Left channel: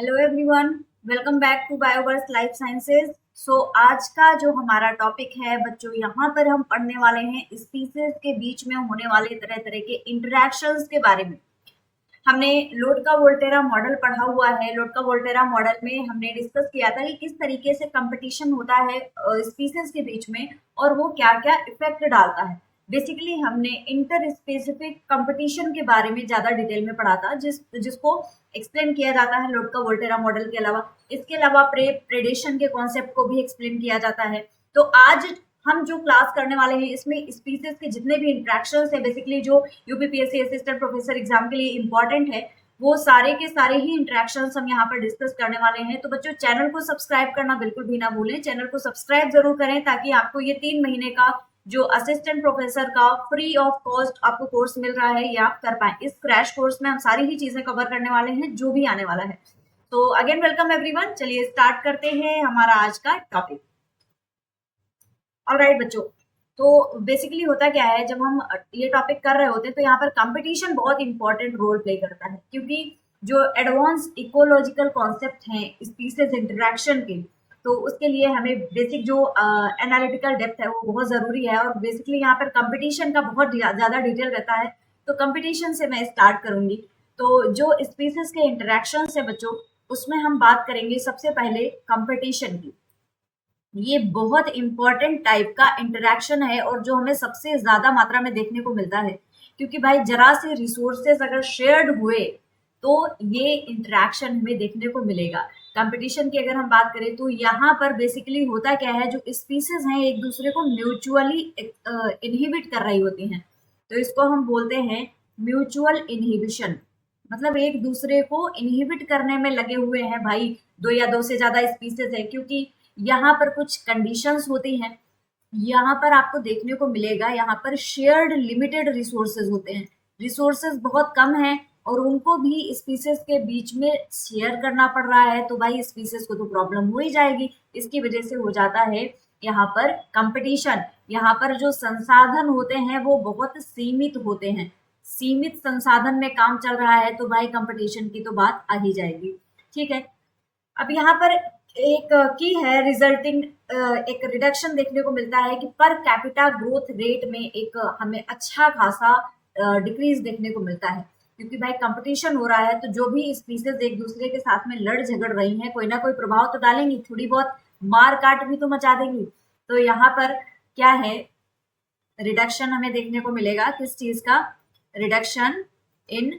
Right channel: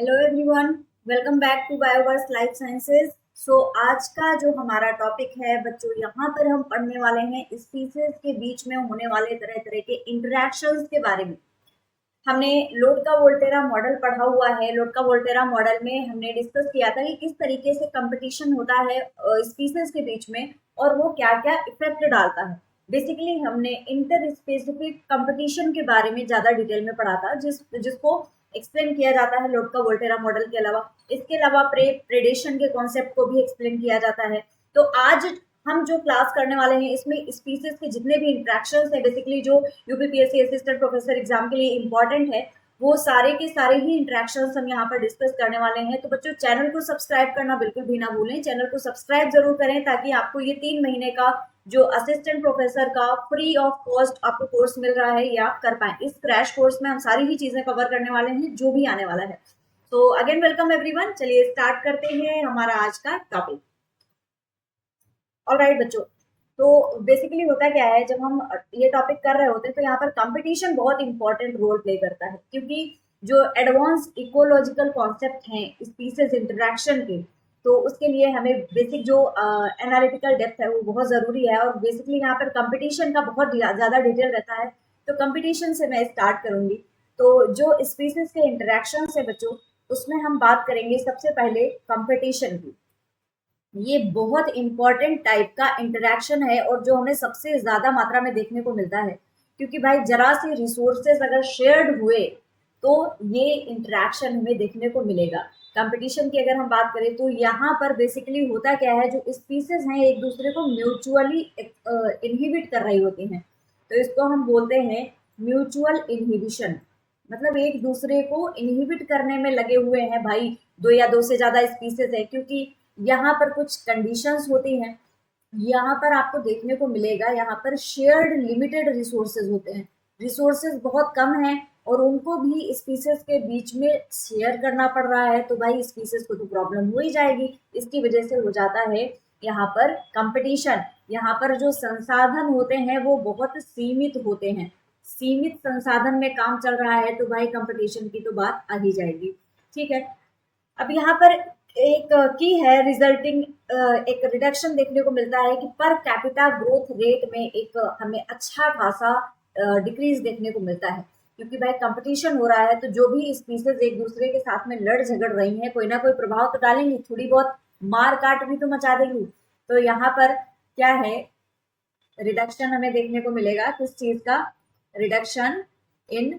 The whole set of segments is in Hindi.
Hello everyone, welcome back to Bioverse life sciences. आज का जो हमारा टॉपिक है बच्चों, यहाँ पर हम पढ़ने वाले हैं स्पीसीज के बीच में होने वाले तरह तरह के इंटरेक्शंस के बारे में। हमने लोड का वोल्टेरा मॉडल पढ़ा हुआ है। लोड का वोल्टेरा मॉडल में हमने डिस्कस किया था कि किस तरीके से कंपटीशन होता है स्पीसीज के बीच में और वो क्या क्या इफेक्ट डालता है। बेसिकली हमने इंटर स्पेसिफिक कंपटीशन के बारे में ज्यादा डिटेल में पढ़ा था, जिसको एक्सप्लेन किया जाता है लोड का वोल्टेरा मॉडल के अलावा। इसके अलावा प्रेडेशन के कॉन्सेप्ट को भी एक्सप्लेन किया जाता है। तो आज हम जो क्लास करने वाले हैं इसमें स्पीसीज के जितने भी इंट्रैक्शंस है, बेसिकली जो यूपीपीएससी असिस्टेंट प्रोफेसर एग्जाम के लिए इंपॉर्टेंट है, वो सारे के सारे ही इंट्रैक्शंस हम यहाँ पर डिस्कस करने वाले हैं। तो बच्चों, चैनल को सब्सक्राइब करना बिल्कुल भी ना भूलें। चैनल को सब्सक्राइब जरूर करें ताकि आपको ये 3 महीने का जो असिस्टेंट प्रोफेसर का फ्री ऑफ कॉस्ट आपको कोर्स मिल रहा है, ये आप कर पाए। इस क्रैश कोर्स में हम सारी ही चीजें कवर करने वाले हैं जो भी आने वाला है। तो अगेन वेलकम एवरीवन। चलिए स्टार्ट करते हैं हमारा आज का टॉपिक। ऑलराइट बच्चों, तो बेसिकली होता क्या है, जब हम ये टॉपिक कर रहे होते हैं तो यहाँ पर कंपटीशन बहुत इंपॉर्टेंट रोल प्ले करता है, क्योंकि जो एडवांस इकोलॉजिकल कॉन्सेप्ट हैं स्पीसीज इंटरेक्शन के, तो उसके लिए हमें बेसिक जो एनालिटिकल डेप्थ है वो बहुत ज़रूरी है। और बेसिकली यहाँ पर कंपटीशन का बहुत ज़्यादा डिटेल रहता है। तो कंपटीशन से मैं स्टार्ट करूँगी। तो जो स्पीसीज के इंटरेक्शन है बच्चों, उसमें हम बात करेंगे सबसे पहले कंपटीशन की। ये बहुत इंपॉर्टेंट टाइप का इंटरेक्शन है और जो हमें सबसे ज्यादा मात्रा में देखने को मिलता है, क्योंकि भाई जरा से रिसोर्सेज अगर शेयर्ड हुए तो ये इंटरेक्शन हमें देखने को मिलेगा। कंपटीशन की अगर हम बात करें तो यहाँ पर बेसिकली होता क्या है, जो स्पीसीज हैं एक दूसरे को म्यूचुअली इनहिबिट कर रही होती हैं, तो इसको हम बोलते हैं म्यूचुअल इनहिबिशन। मतलब एक दूसरे को इनहिबिट करने में लगे हुए हैं भाई, दो या दो से ज्यादा स्पीसीज है, क्योंकि यहाँ पर कुछ कंडीशंस होती हैं। यहाँ पर आपको देखने को मिलेगा, यहाँ पर शेयर्ड लिमिटेड रिसोर्सेज होते हैं। रिसोर्सेज बहुत कम हैं और उनको भी स्पीसीज के बीच में शेयर करना पड़ रहा है, तो भाई स्पीसीज को तो प्रॉब्लम हो ही जाएगी। इसकी वजह से हो जाता है यहाँ पर कंपटीशन। यहाँ पर जो संसाधन होते हैं वो बहुत सीमित होते हैं। सीमित संसाधन में काम चल रहा है तो भाई कंपटीशन की तो बात आ ही जाएगी। ठीक है, अब यहाँ पर एक की है रिजल्टिंग एक रिडक्शन देखने को मिलता है कि पर कैपिटा ग्रोथ रेट में एक हमें अच्छा खासा डिक्रीज देखने को मिलता है, क्योंकि भाई कंपटीशन हो रहा है तो जो भी स्पीसीज एक दूसरे के साथ में लड़ झगड़ रही हैं, कोई ना कोई प्रभाव तो डालेंगी, थोड़ी बहुत मार काट भी तो मचा देंगी। तो यहाँ पर क्या है, रिडक्शन हमें देखने को मिलेगा किस चीज का, reduction in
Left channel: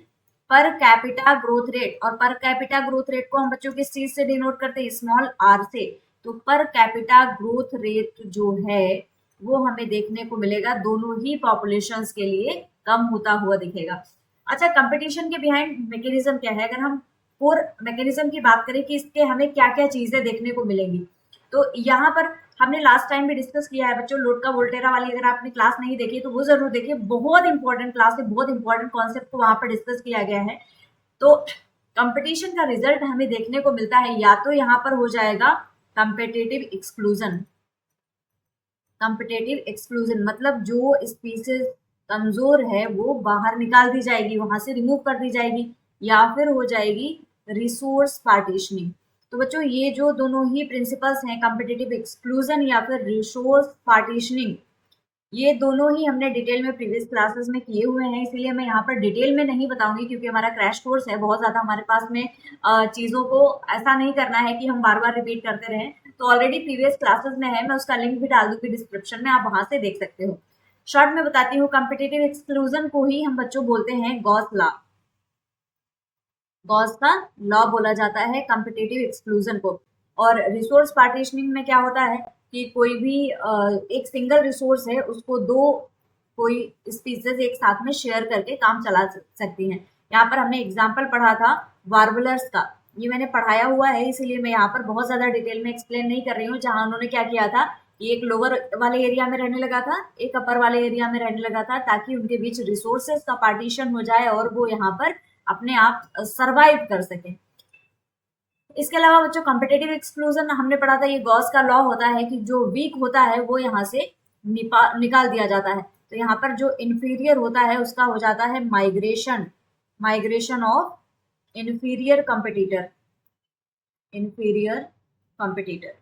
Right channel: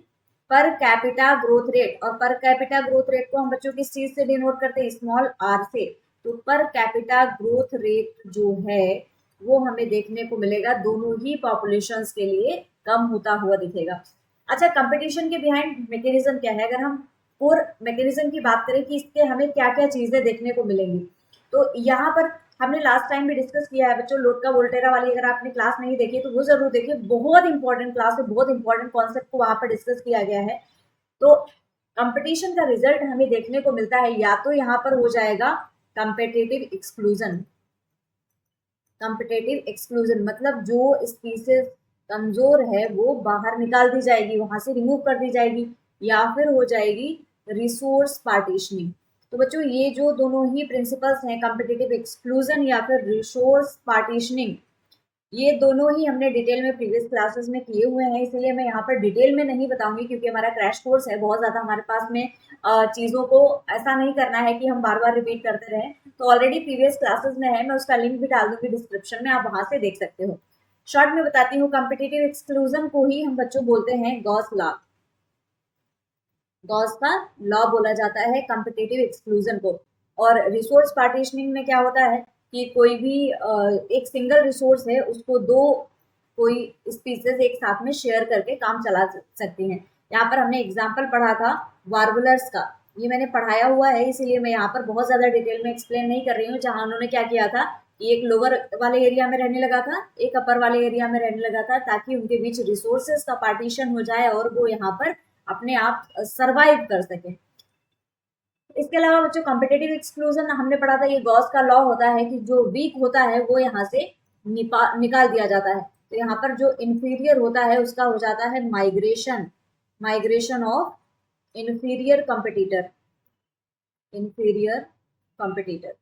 per capita growth rate. और पर कैपिटा ग्रोथ रेट को हम बच्चों किस चीज से डिनोट करते हैं, स्मॉल आर से। तो पर कैपिटा ग्रोथ रेट जो है वो हमें देखने को मिलेगा दोनों ही पॉपुलेशंस के लिए कम होता हुआ दिखेगा। अच्छा, कंपटीशन के बिहाइंड मैकेनिज्म क्या है, अगर हम कोर मैकेनिज्म की बात करें कि इसके हमें क्या क्या चीजें देखने को मिलेंगी, तो यहाँ पर हमने लास्ट टाइम भी डिस्कस किया है बच्चों। लोड का वोल्टेरा वाली अगर आपने क्लास नहीं देखी तो वो जरूर देखिए, बहुत इंपॉर्टेंट क्लास है, बहुत इंपॉर्टेंट कॉन्सेप्ट को वहां पर डिस्कस किया गया है। तो कंपटीशन का रिजल्ट हमें देखने को मिलता है, या तो यहाँ पर हो जाएगा कंपेटेटिव एक्सक्लूजन। कंपेटेटिव एक्सक्लूजन मतलब जो स्पीसीज कमजोर है वो बाहर निकाल दी जाएगी, वहां से रिमूव कर दी जाएगी, या फिर हो जाएगी रिसोर्स पार्टीशनिंग। तो बच्चों, ये जो दोनों ही प्रिंसिपल्स हैं, कॉम्पिटिटिव एक्सक्लूजन या फिर रिसोर्स पार्टीशनिंग, ये दोनों ही हमने डिटेल में प्रीवियस क्लासेस में किए हुए हैं, इसीलिए मैं यहाँ पर डिटेल में नहीं बताऊंगी, क्योंकि हमारा क्रैश कोर्स है। बहुत ज़्यादा हमारे पास में चीज़ों को ऐसा नहीं करना है कि हम बार बार रिपीट करते रहें। तो ऑलरेडी प्रीवियस क्लासेस में है, मैं उसका लिंक भी डाल दूंगी डिस्क्रिप्शन में, आप वहां से देख सकते हो। शॉर्ट में बताती हूँ, कॉम्पिटिटिव एक्सक्लूजन को ही हम बच्चों बोलते हैं गॉस लॉ। गॉस का लॉ बोला जाता है कॉम्पिटिटिव एक्सक्लूजन को। और रिसोर्स पार्टीशनिंग में क्या होता है कि कोई भी एक सिंगल रिसोर्स है उसको दो कोई स्पीसीज एक साथ में शेयर करके काम चला सकती हैं। यहाँ पर हमने एग्जाम्पल पढ़ा था वार्बलर्स का, ये मैंने पढ़ाया हुआ है, इसीलिए मैं यहाँ पर बहुत ज्यादा डिटेल में एक्सप्लेन नहीं कर रही हूँ। जहाँ उन्होंने क्या किया था कि एक लोअर वाले एरिया में रहने लगा था, एक अपर वाले एरिया में रहने लगा था, ताकि उनके बीच रिसोर्सेज का पार्टीशन हो जाए और वो यहाँ पर अपने आप सरवाइव कर सके। इसके अलावा बच्चों, कॉम्पिटिटिव एक्सक्लूजन हमने पढ़ा था, ये गॉस का लॉ होता है कि जो वीक होता है वो यहाँ से निकाल दिया जाता है। तो यहाँ पर जो इंफीरियर होता है उसका हो जाता है migration, migration of inferior competitor. Inferior competitor,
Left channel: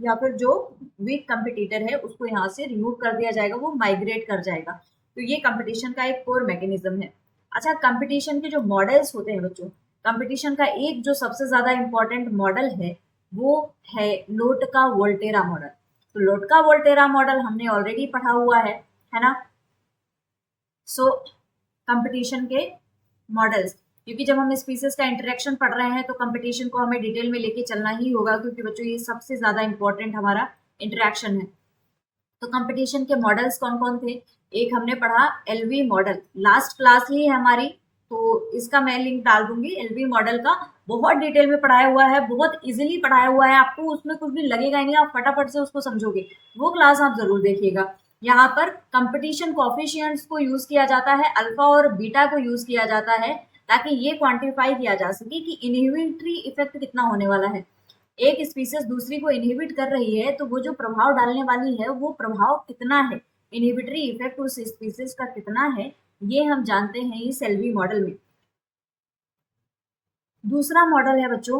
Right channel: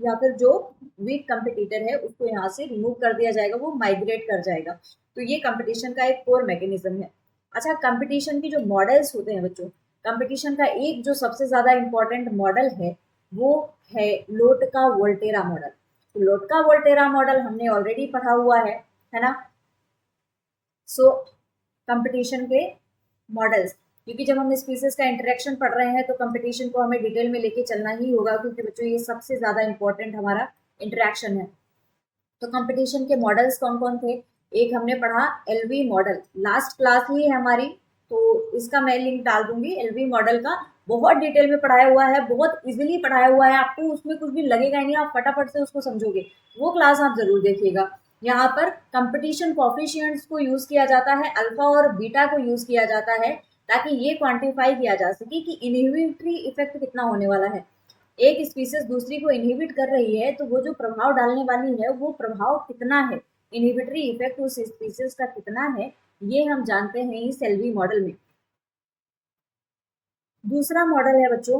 या फिर जो वीक कंपटीटर है उसको यहाँ से रिमूव कर दिया जाएगा, वो माइग्रेट कर जाएगा। तो ये कंपटीशन का एक कोर मैकेनिज्म है। अच्छा, कंपटीशन के जो मॉडल्स होते हैं बच्चों, कंपटीशन का एक जो सबसे ज्यादा इंपॉर्टेंट मॉडल है वो है लोटका वोल्टेरा मॉडल। तो लोटका वोल्टेरा मॉडल हमने ऑलरेडी पढ़ा हुआ है ना। सो कंपटीशन के मॉडल्स, क्योंकि जब हम स्पीसीज का इंटरेक्शन पढ़ रहे हैं तो कंपटीशन को हमें डिटेल में लेके चलना ही होगा, क्योंकि बच्चों ये सबसे ज्यादा इंपॉर्टेंट हमारा इंटरेक्शन है। तो कंपटीशन के मॉडल्स कौन कौन थे? एक हमने पढ़ा एलवी मॉडल, लास्ट क्लास ही है हमारी, तो इसका मैं लिंक डाल दूंगी। एलवी मॉडल का बहुत डिटेल में पढ़ाया हुआ है, बहुत इजीली पढ़ाया हुआ है, आपको उसमें कुछ भी लगेगा ही नहीं, आप फटाफट से उसको समझोगे। वो क्लास आप जरूर देखिएगा। यहाँ पर कंपटीशन कोफिशिएंट्स को यूज किया जाता है, अल्फा और बीटा को यूज किया जाता है, ताकि ये क्वांटिफाई किया जा सके कि इनहिबिटरी इफेक्ट कितना होने वाला है। एक स्पीसीज दूसरी को इनहिबिट कर रही है तो वो जो प्रभाव डालने वाली है वो प्रभाव कितना है, इनहिबिटरी इफेक्ट उस स्पीसीज का कितना है, ये हम जानते हैं इस एलवी मॉडल में। दूसरा मॉडल है बच्चों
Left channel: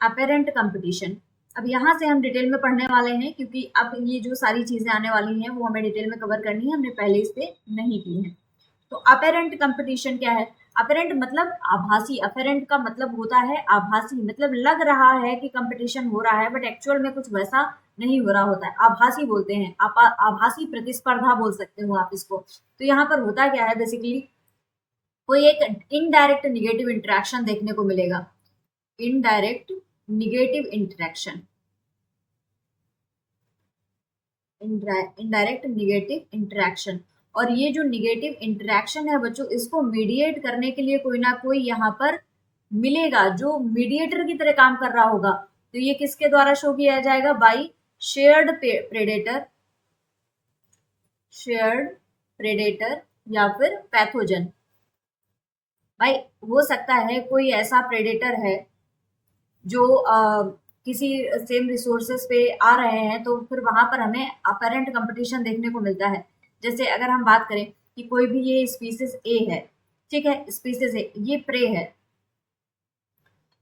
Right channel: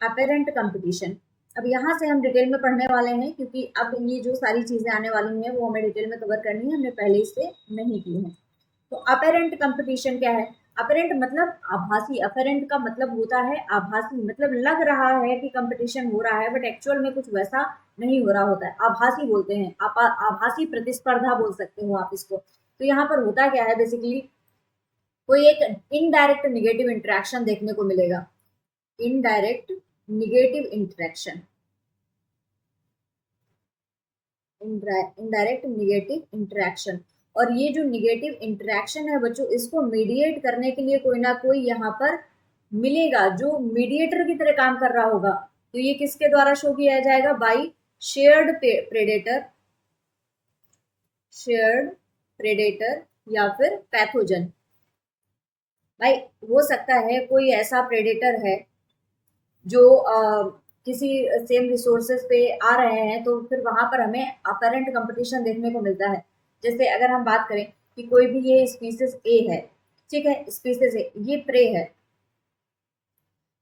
अपेरेंट कंपटीशन। अब यहाँ से हम डिटेल में पढ़ने वाले हैं, क्योंकि अब ये जो सारी चीजें आने वाली हैं वो हमें डिटेल में कवर करनी है, हमने पहले इससे नहीं की है। तो अपेरेंट कंपटीशन क्या है? अपेरेंट मतलब आभासी, अपेरेंट का मतलब होता है आभासी, मतलब लग रहा है कि कंपटीशन हो रहा है बट एक्चुअल में कुछ वैसा नहीं हो रहा होता है, आभासी बोलते हैं, आभासी प्रतिस्पर्धा बोल सकते हो आप इसको। तो यहाँ पर होता क्या है, बेसिकली कोई एक इनडायरेक्ट निगेटिव इंटरेक्शन देखने को मिलेगा, indirect negative interaction, indirect negative interaction. और ये जो निगेटिव इंटरेक्शन है बच्चों, इसको मीडिएट करने के लिए कोई ना कोई यहाँ पर मिलेगा जो मीडिएटर की तरह काम कर रहा होगा। तो ये किसके द्वारा शो किया जाएगा? By shared predator, shared predator या फिर पैथोजन। भाई हो सकता है कोई ऐसा प्रेडेटर है जो किसी सेम रिसोर्सेस पे आ रहे हैं, तो फिर वहां पर हमें अपेरेंट कंपटीशन देखने को मिलता है। जैसे अगर हम बात करें कि कोई भी ये स्पीसीज ए है, ठीक है, स्पीसीज ए ये प्रे है,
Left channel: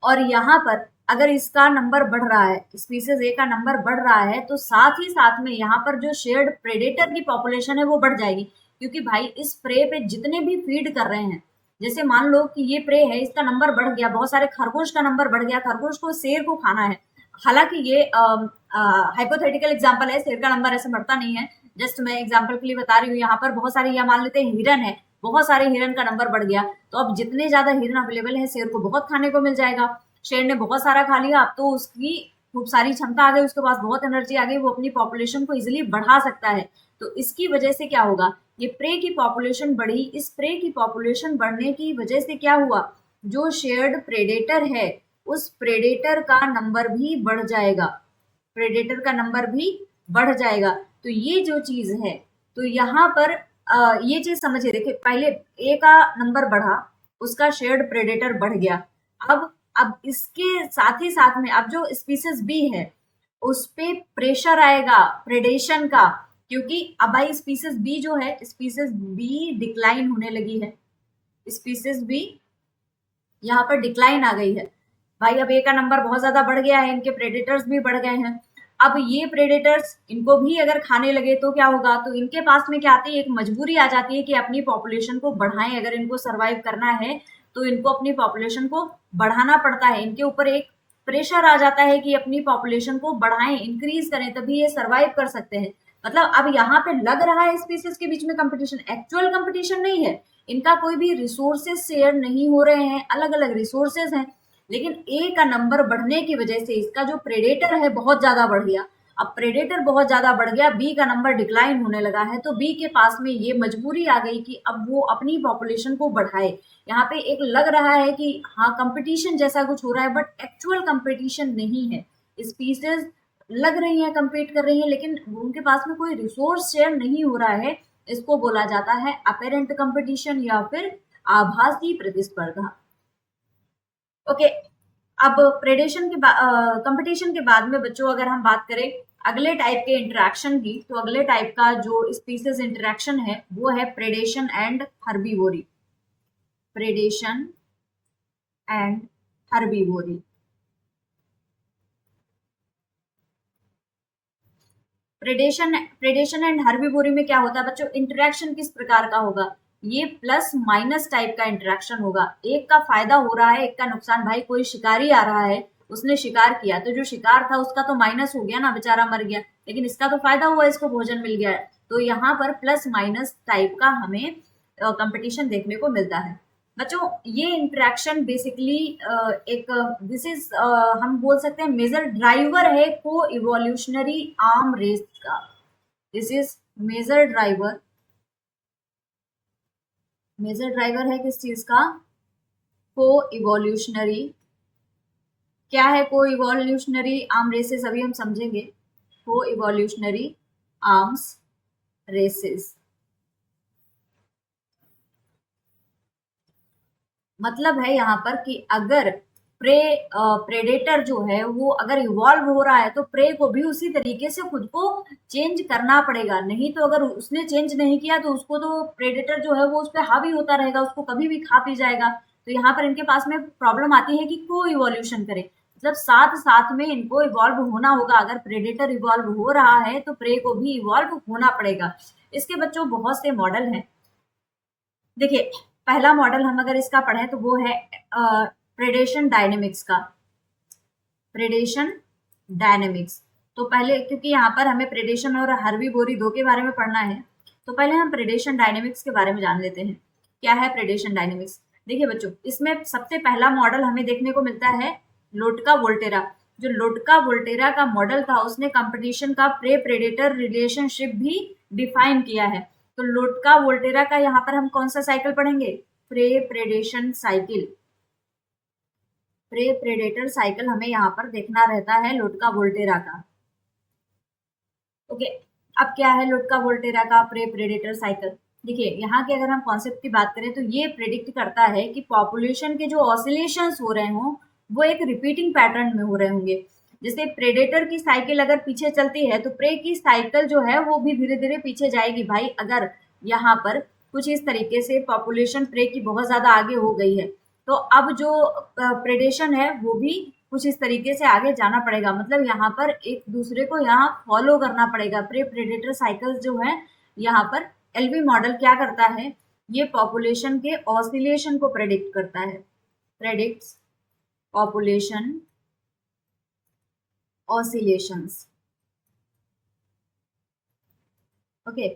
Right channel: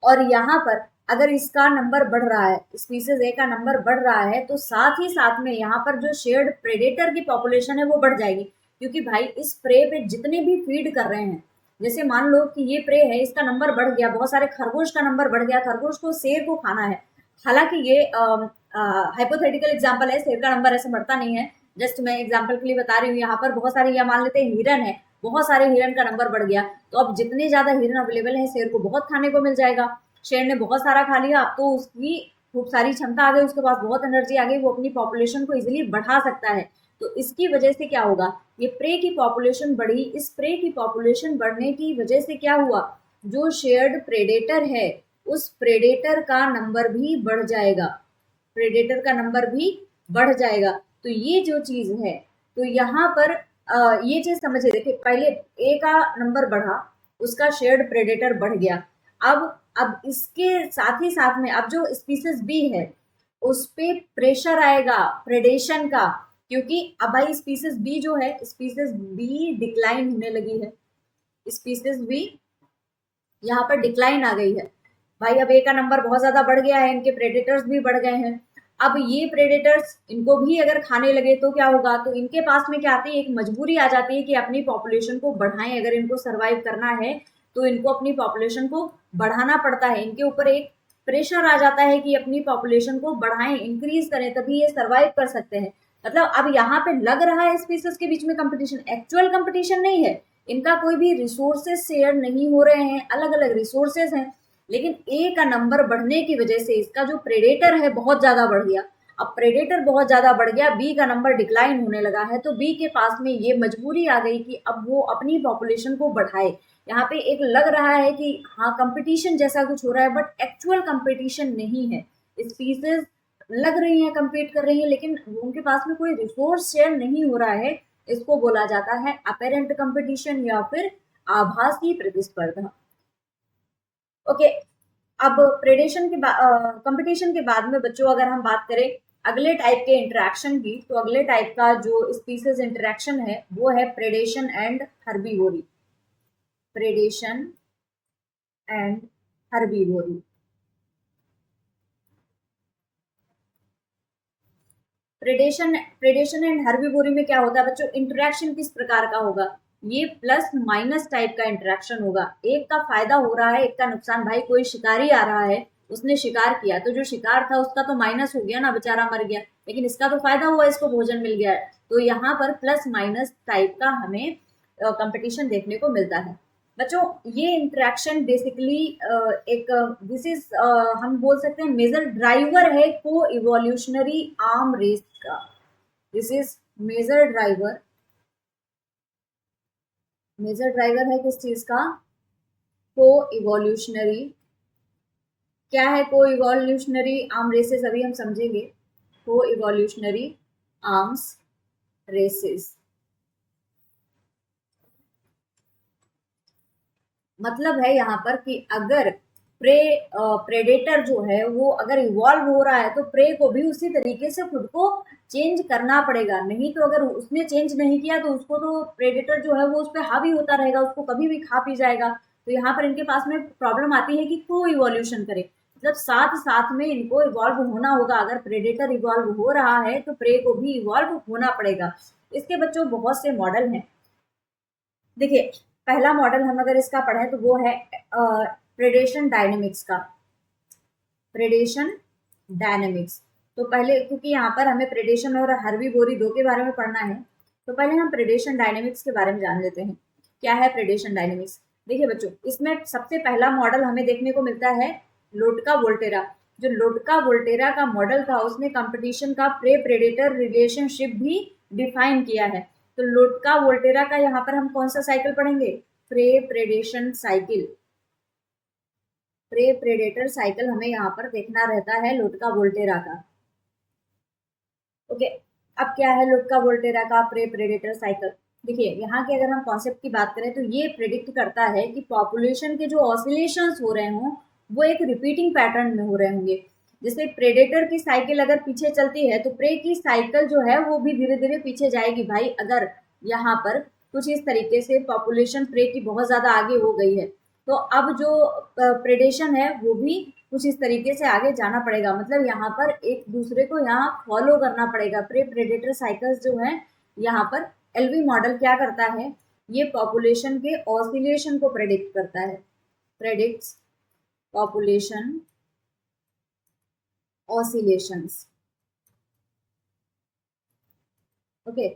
और यहाँ पर अगर इसका नंबर बढ़ रहा है, स्पीसीज ए का नंबर बढ़ रहा है, तो साथ ही साथ में यहाँ पर जो शेयर्ड प्रेडेटर की पॉपुलेशन है वो बढ़ जाएगी। क्योंकि भाई इस प्रे पे जितने भी फीड कर रहे हैं, जैसे मान लो कि ये प्रे है, इसका नंबर बढ़ गया, बहुत सारे खरगोश का नंबर बढ़ गया, खरगोश को शेर को खाना है। हालांकि ये हाइपोथेटिकल एग्जाम्पल है, शेर का नंबर ऐसे बढ़ता नहीं है, जस्ट मैं एग्जाम्पल के लिए बता रही हूँ। यहाँ पर बहुत सारे, या मान लेते हैं हिरन है, बहुत सारे हिरन का नंबर बढ़ गया, तो अब जितने ज्यादा हिरन अवेलेबल है शेर को बहुत खाने को मिल जाएगा। शेर ने बहुत सारा खा लिया, अब तो उसकी खूब सारी क्षमता आ गई, उसके पास बहुत एनर्जी आ गई, वो अपनी पॉपुलेशन को इजिली बढ़ा सकता है। तो इसकी वजह से क्या होगा, ये प्रे की पॉपुलेशन बढ़ी, इस प्रे की पॉपुलेशन बढ़ने की वजह से क्या हुआ, जो शेयर्ड प्रेडेटर है उस प्रेडेटर का नंबर भी बढ़ जाएगा, प्रेडेटर का नंबर भी बढ़ जाएगा। तो ये जो चीज है, तो यहाँ पर ये चीज समझिए, देखिए पहले ए का नंबर बढ़ा, उसका शेयर्ड प्रेडेटर बढ़ गया, अब इसके साथ ही साथ में अब जो स्पीसीज बी है उस पे प्रेशर आएगा प्रेडेशन का, क्योंकि अब भाई स्पीसीज बी जो है, स्पीसीज बी डिक्लाइन होने लगी है, स्पीसीज बी यहाँ पर डिक्लाइन आ गई है। भाई अब ए का नंबर बहुत ज्यादा बढ़ गया है, इनके प्रेडेटर्स भी बढ़ गए हैं। अब ये प्रेडेटर्स इनको भी अगर खाने लगे तो क्या होगा, तो इनके पास में क्या आती है, एक मजबूरी आ जाती है कि अपनी पॉपुलेशन को बढ़ाएं, अगर इनको सरवाइव करना है तो इनको अपनी पॉपुलेशन को बढ़ाना पड़ता है, इनके ऊपर एक प्रेशर आ जाता है कि अपनी पॉपुलेशन को बढ़ाएं, इंक्रीज करें, तभी ये सरवाइव कर सकते हैं। मतलब अब यहाँ पे लग रहा है स्पीसीज के बीच में कंपटीशन, एक्चुअल कंपटीशन नहीं है, इनका कोई भी रिसोर्सेज शेयर नहीं हो रहे हैं, अलग अलग रिसोर्सेज हैं, लेकिन ए का नंबर बढ़ने की वजह से इसका जो प्रेडेटर है बहुत ज्यादा बढ़ गया। अब प्रेडेटर बहुत ज्यादा बढ़ गया, बी का नंबर डिक्लाइन होने लगा है, तो बी के पास में ये मजबूरी आ गई कि अब वो अपनी पॉपुलेशन को बढ़ाए। यहाँ पे एक लग रहा है कि हाँ कंपटीशन जैसा कुछ हो रहा है, बट एक्चुअल कंपटीशन नहीं है, स्पीसीज लग रही है कंपीट कर रही है, लेकिन उनके पास में कोई रिसोर्स शेयर नहीं हो रहा है। इसको बोला जाता है अपेरेंट कंपटीशन या फिर आभासी प्रतिस्पर्धा। ओके, अब प्रेडेशन के कंपटीशन के बाद में बच्चों अगर हम बात करें अगले टाइप के इंटरेक्शन की, तो अगले टाइप का जो स्पीसीज इंटरेक्शन है वो है predation and herbivory, predation and herbivory. Predation predation and herbivory में क्या होता है बच्चों, इंटरेक्शन किस प्रकार का होगा, ये प्लस माइनस टाइप का इंटरेक्शन होगा। एक का फायदा हो रहा है, एक का नुकसान। भाई कोई शिकारी आ रहा है, उसने शिकार किया तो जो शिकार था उसका तो माइनस हो गया ना, बेचारा मर गया, लेकिन इसका तो फायदा हुआ, इसको भोजन मिल गया। तो यहाँ पर प्लस माइनस टाइप का हमें कंपटीशन देखने को मिलता है। बच्चों ये इंटरेक्शन बेसिकली एक दिस इज हम बोल सकते हैं मेजर ड्राइवर है को इवोल्यूशनरी आर्म रेस का। This is major driver, major driver है किस चीज का, को इवोल्यूशनरी। क्या है को इवोल्यूशनरी आर्म रेसेस, अभी हम समझेंगे। को इवोल्यूशनरी आर्म्स रेसेस मतलब है यहाँ पर कि अगर प्रेडेटर जो है वो अगर इवॉल्व हो रहा है तो प्रे को भी उसी तरीके से खुद को चेंज करना पड़ेगा। नहीं तो अगर उसने चेंज नहीं किया तो उसको तो प्रेडेटर जो है वो उस पर हावी होता रहेगा, उसको कभी भी खा पी जाएगा। तो यहाँ पर इनके पास में प्रॉब्लम आती है कि को इवोल्यूशन करे, मतलब साथ साथ में इनको इवॉल्व होना होगा। अगर प्रेडेटर इवॉल्व हो रहा है तो प्रे को भी इवॉल्व होना पड़ेगा। इसके बच्चों बहुत से मॉडल हैं। देखिए पहला मॉडल हम अगर इसका पढ़ें तो वो है प्रेडेशन डायनेमिक्स का। प्रेडेशन डायनेमिक्स तो पहले, क्योंकि यहाँ पर हमें प्रेडेशन और हर्बीवोरी दो के बारे में पढ़ना है, तो पहले हम प्रेडेशन डायनेमिक्स के बारे में जान लेते हैं। क्या है प्रेडेशन डायनेमिक्स। देखिए बच्चों इसमें सबसे पहला मॉडल हमें देखने को मिलता है लोटका वोल्टेरा। जो लोटका वोल्टेरा का मॉडल था उसने कंपटीशन का प्रे प्रेडेटर रिलेशनशिप भी डिफाइन किया है। तो लोटका वोल्टेरा का यहाँ पर हम कौन सा साइकिल पढ़ेंगे, prey predation cycle. Prey predator cycle हमें यहाँ पर देखना रहता है लोटका वोल्टेरा का। ओके, अब क्या है लोटका वोल्टेरा का प्रे प्रेडेटर साइकिल। देखिए यहाँ के अगर हम कॉन्सेप्ट की बात करें तो ये प्रेडिक्ट करता है कि पॉपुलेशन के जो ऑसिलेशंस हो रहे हों वो एक रिपीटिंग पैटर्न में हो रहे होंगे। जैसे प्रेडेटर की साइकिल अगर पीछे चलती है तो प्रे की साइकिल जो है वो भी धीरे धीरे पीछे जाएगी। भाई अगर यहाँ पर कुछ इस तरीके से पॉपुलेशन प्रे की बहुत ज्यादा आगे हो गई है तो अब जो प्रेडेशन है वो भी कुछ इस तरीके से आगे जाना पड़ेगा। मतलब यहाँ पर एक दूसरे को यहाँ फॉलो करना पड़ेगा। प्रे प्रेडेटर साइकिल्स जो है यहाँ पर एलवी मॉडल क्या करता है, ये पॉपुलेशन के ऑसिलेशन को प्रेडिक्ट करता है। Predicts population oscillations. ओके,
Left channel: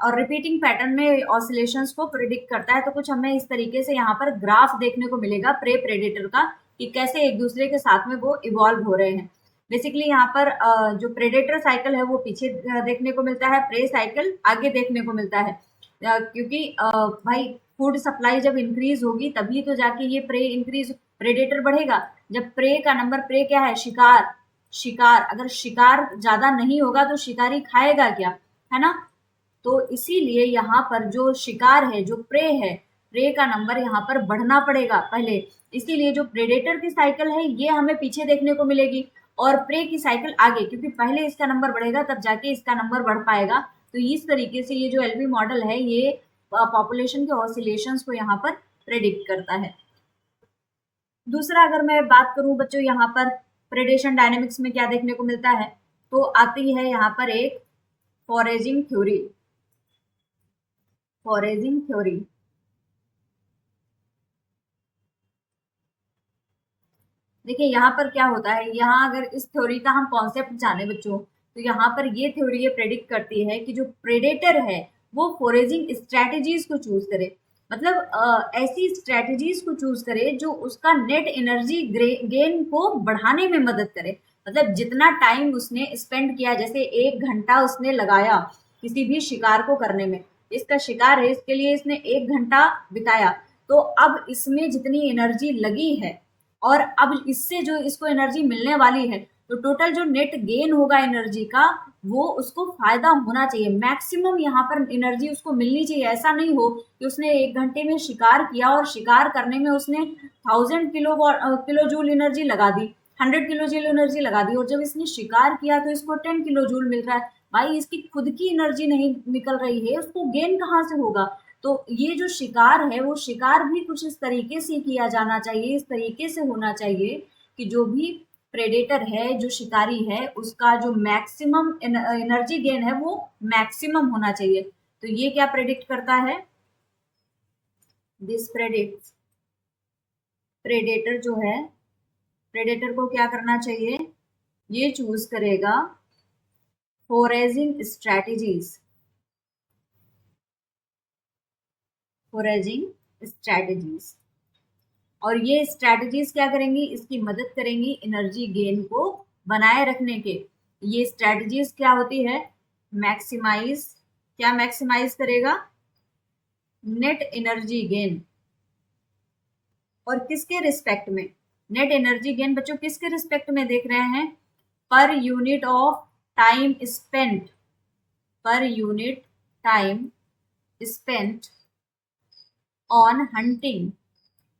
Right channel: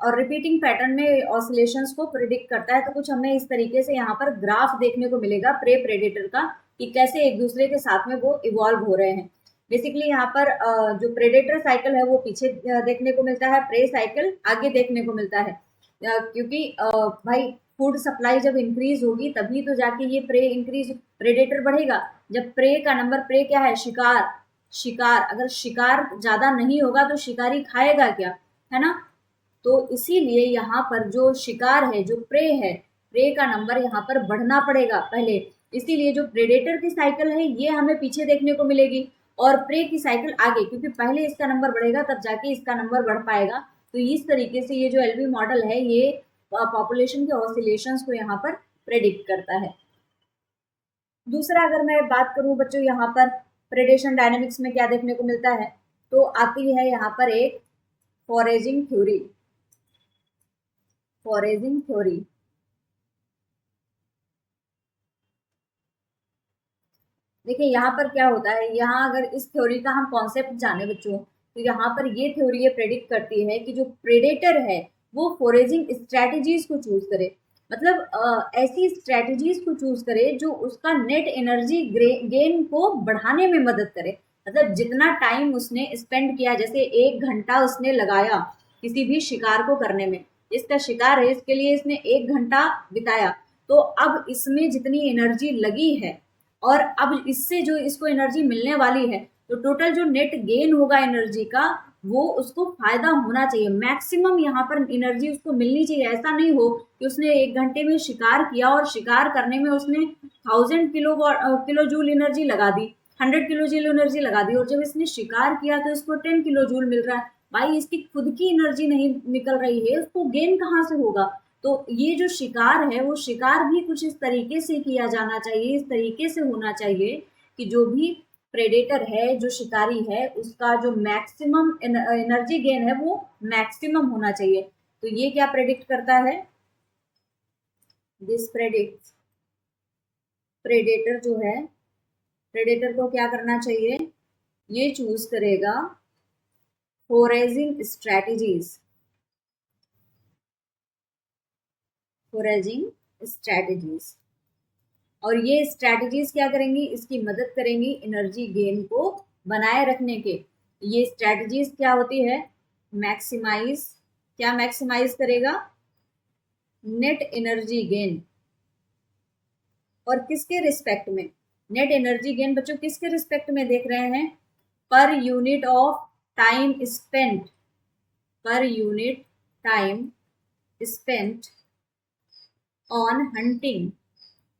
और रिपीटिंग पैटर्न में ऑसिलेशंस को प्रिडिक्ट करता है। तो कुछ हमें इस तरीके से यहाँ पर ग्राफ देखने को मिलेगा प्रे प्रेडेटर का कि कैसे एक दूसरे के साथ में वो इवॉल्व हो रहे हैं। बेसिकली यहाँ पर जो प्रेडेटर साइकिल है वो पीछे देखने को मिलता है, प्रे साइकिल आगे देखने को मिलता है। क्योंकि भाई फूड सप्लाई जब इंक्रीज होगी तभी तो जाके ये प्रे इंक्रीज, प्रेडेटर बढ़ेगा। जब प्रे का नंबर, प्रे क्या है, शिकार, शिकार अगर शिकार ज्यादा नहीं होगा तो शिकारी खाएगा क्या, है ना। तो इसीलिए यहाँ पर जो शिकार है, जो प्रे है, प्रे का नंबर यहाँ पर बढ़ना पड़ेगा पहले। इसीलिए जो प्रेडेटर की साइकिल है ये हमें पीछे देखने को मिलेगी और प्रे की साइकिल आगे, क्योंकि पहले इसका नंबर बढ़ेगा तब जाके इसका नंबर बढ़ पाएगा। तो इस तरीके से ये जो एलवी मॉडल है ये पॉपुलेशन के ऑसिलेशंस को यहाँ पर प्रेडिक्ट करता है। दूसरा अगर मैं बात करूं बच्चों यहाँ पर प्रेडेशन डायनेमिक्स में क्या देखने को मिलता है, तो आती है यहाँ पर एक फॉरेजिंग थ्योरी। फॉरेजिंग थ्योरी देखिए यहाँ पर क्या होता है, यहाँ अगर इस थ्योरी का हम कॉन्सेप्ट जाने बच्चों तो यहाँ पर ये थ्योरी ये प्रेडिक्ट करती है कि जो प्रेडेटर है वो फॉरेजिंग स्ट्रैटेजीज को चूज करे। मतलब ऐसी स्ट्रैटेजीज को चूज करे जो उसका नेट एनर्जी गेन को बढ़ाने में मदद करे। मतलब जितना टाइम उसने स्पेंड किया, जैसे 1 घंटा उसने लगाया किसी भी शिकार को करने में, इसका शिकार है इसके लिए इसने 1 घंटा बिताया, तो अब इसमें जितनी एनर्जी लगी है और अब इससे जो इसको एनर्जी मिलने वाली है तो टोटल जो नेट गेन होगा एनर्जी का वो उसको फायदा होना चाहिए। मैक्सिमम यहाँ पर एनर्जी उसको मिलनी चाहिए। ऐसा नहीं हो कि उसने 1 घंटे में शिकार किया और शिकार करने में उसने 1000 किलो जूल एनर्जी लगा दी, 100 किलो जूल एनर्जी लगा दी, और जब इसने शिकार किया तो इसको 10 किलो जूल मिल रहा है। भाई इसकी खुद की एनर्जी नहीं निकल रही है, उसको गेन कहाँ से होगा। तो ये जो शिकार है वो शिकार भी कुछ इस तरीके से किया जाना चाहिए, इस तरीके से होना चाहिए कि जो भी प्रेडेटर है, जो शिकारी है, उसका जो मैक्सिमम एनर्जी गेन है वो मैक्सिमम होना चाहिए। तो ये क्या प्रेडिक्ट करता है, दिस प्रेडिक्ट, प्रेडेटर जो है, प्रेडेटर को क्या करना चाहिए, ये चूज करेगा फोरेजिंग स्ट्रैटेजीज, फोरेजिंग स्ट्रैटेजीज। और ये स्ट्रैटेजीज क्या करेंगी, इसकी मदद करेंगी एनर्जी गेन को बनाए रखने के। ये स्ट्रैटेजीज क्या होती है, मैक्सिमाइज, क्या मैक्सिमाइज करेगा, नेट एनर्जी गेन। और किसके रिस्पेक्ट में, नेट एनर्जी गेन बच्चों किसके रिस्पेक्ट में देख रहे हैं, per unit of time spent, per unit time spent on hunting,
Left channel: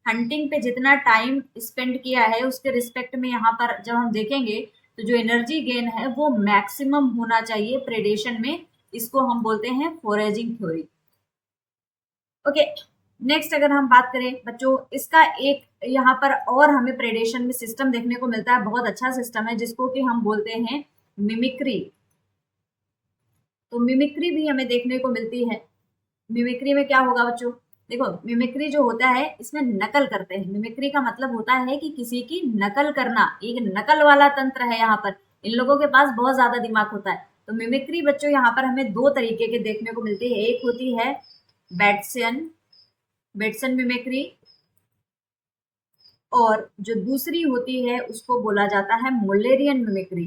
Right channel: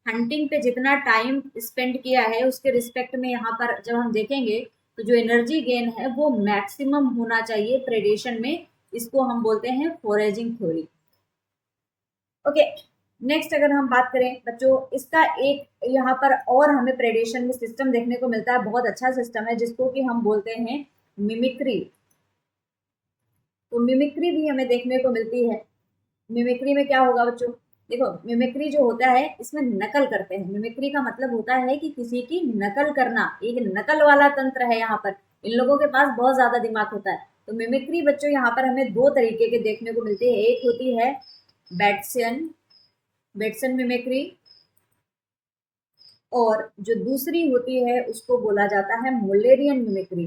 hunting पे जितना टाइम स्पेंड किया है उसके रिस्पेक्ट में यहाँ पर जब हम देखेंगे तो जो एनर्जी गेन है वो मैक्सिमम होना चाहिए प्रेडेशन में। इसको हम बोलते हैं फोरेजिंग थ्योरी। ओके, नेक्स्ट अगर हम बात करें बच्चों, इसका एक यहाँ पर और हमें प्रेडेशन में सिस्टम देखने को मिलता है, बहुत अच्छा सिस्टम है, जिसको कि हम बोलते हैं मिमिक्री। तो मिमिक्री भी हमें देखने को मिलती है। मिमिक्री में क्या होगा बच्चों, देखो मिमिक्री जो होता है इसमें नकल करते हैं। मिमिक्री का मतलब होता है कि किसी की नकल करना, एक नकल वाला तंत्र है यहाँ पर। इन लोगों के पास बहुत ज्यादा दिमाग होता है। तो मिमिक्री बच्चों यहाँ पर हमें दो तरीके के देखने को मिलती है। एक होती है बेट्सन, बेट्सन मिमिक्री, और जो दूसरी होती है उसको बोला जाता है मुल्लेरियन मिमिक्री,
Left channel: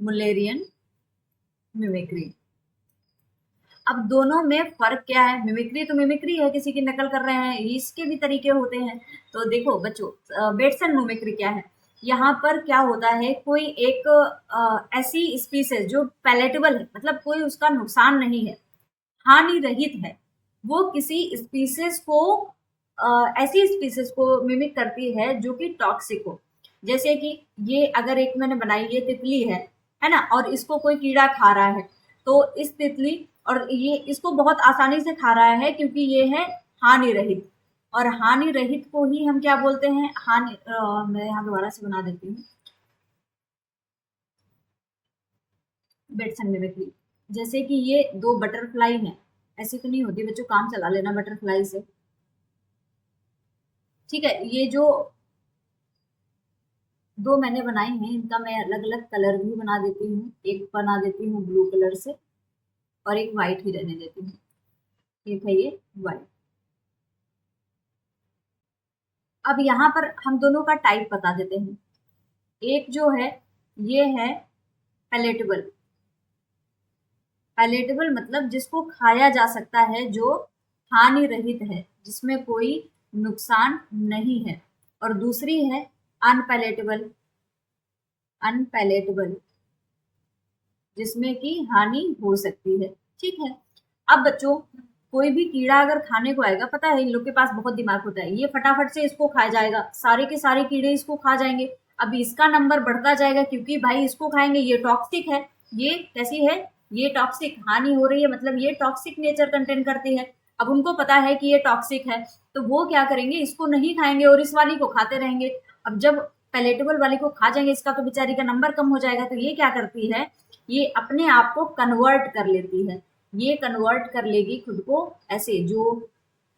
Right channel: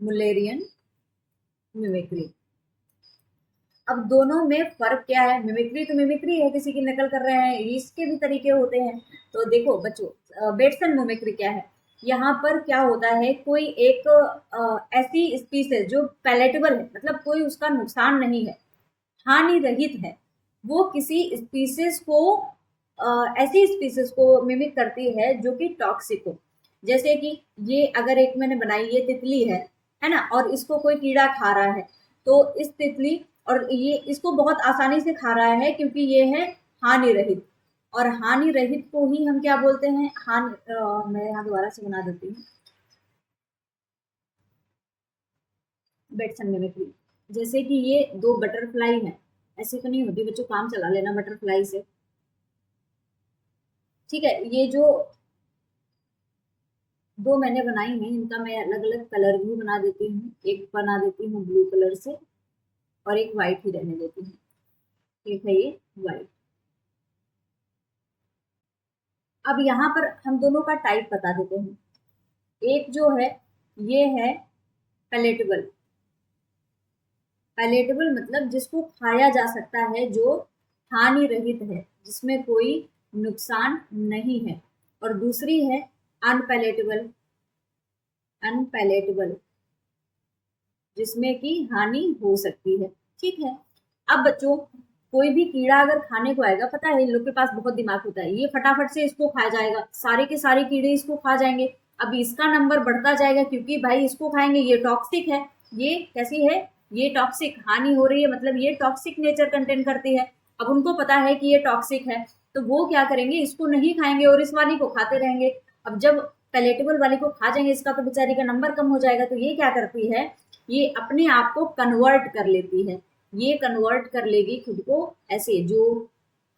मुल्लेरियन मिमिक्री। अब दोनों में फर्क क्या है, मिमिक्री तो मिमिक्री है, किसी की नकल कर रहे हैं, इसके भी तरीके होते हैं। तो देखो बच्चों, बेट्सन मिमिक्री क्या है, यहाँ पर क्या होता है, कोई एक ऐसी स्पीसीज जो पैलेटेबल है, मतलब कोई उसका नुकसान नहीं है, हानि रहित है, वो किसी स्पीसीज को ऐसी स्पीसीज को मिमिक करती है जो कि टॉक्सिक हो। जैसे कि ये अगर एक मैंने बनाई, ये तितली है ना, और इसको कोई कीड़ा खा रहा है, तो इस तितली और ये इसको बहुत आसानी से खा रहा है क्योंकि ये है हानि रहित। और हानि रहित को ही हम क्या बोलते हैं, हानि मैं यहाँ दोबारा से बना देती हूँ, बेट्सन मिमिक्री। जैसे कि ये दो बटरफ्लाई हैं, ऐसी तो नहीं होती बच्चों, काम चला लेना बटरफ्लाई से, ठीक है। ये जो दो मैंने बनाई हैं, इनका मैं अलग अलग कलर भी बना देती हूँ। एक बना देती हूँ ब्लू कलर से और एक वाइट ही रहने देती हूँ। एक है ये वाइट। अब यहाँ पर हम दोनों का टाइप बता देते हैं। एक जो है ये है पैलेटेबल, पैलेटेबल मतलब जिसको खाया जा सकता है, जो हानि रहित है, जिसमें कोई नुकसान नहीं है। और दूसरी है अनपैलेटेबल, अनपैलेटेबल जिसमें कि हानि हो सकती है, ठीक है। अब बच्चों, कोई भी कीड़ा अगर खाने को आएगा, पता है इन लोग के पास बहुत दिमाग होता है, ये फटाफट से इसको खा जाएगा, सारे के सारे कीड़े इसको खा जाएंगे। अब इसका नंबर बढ़ता जाएगा क्योंकि भाई इसको खाएंगे, ये टॉक्सिक है, ये कैसी है, ये टॉक्सिक, हानि हो रही है, मतलब ये टॉक्सिक नेचर कंटेन करती है। अब उनको पता है कि ये टॉक्सिक है, तो वो क्या करेंगे, इसको नहीं खाएंगे और इस वाली को खाते रहेंगे। अब जब पैलेटेबल वाली को खा जाएंगे, इसका तो बेचारी का नंबर कम हो जाएगा। तो ये क्या करती है, ये अपने आप को कन्वर्ट कर लेती है, ये कन्वर्ट कर लेगी खुद को, ऐसे जो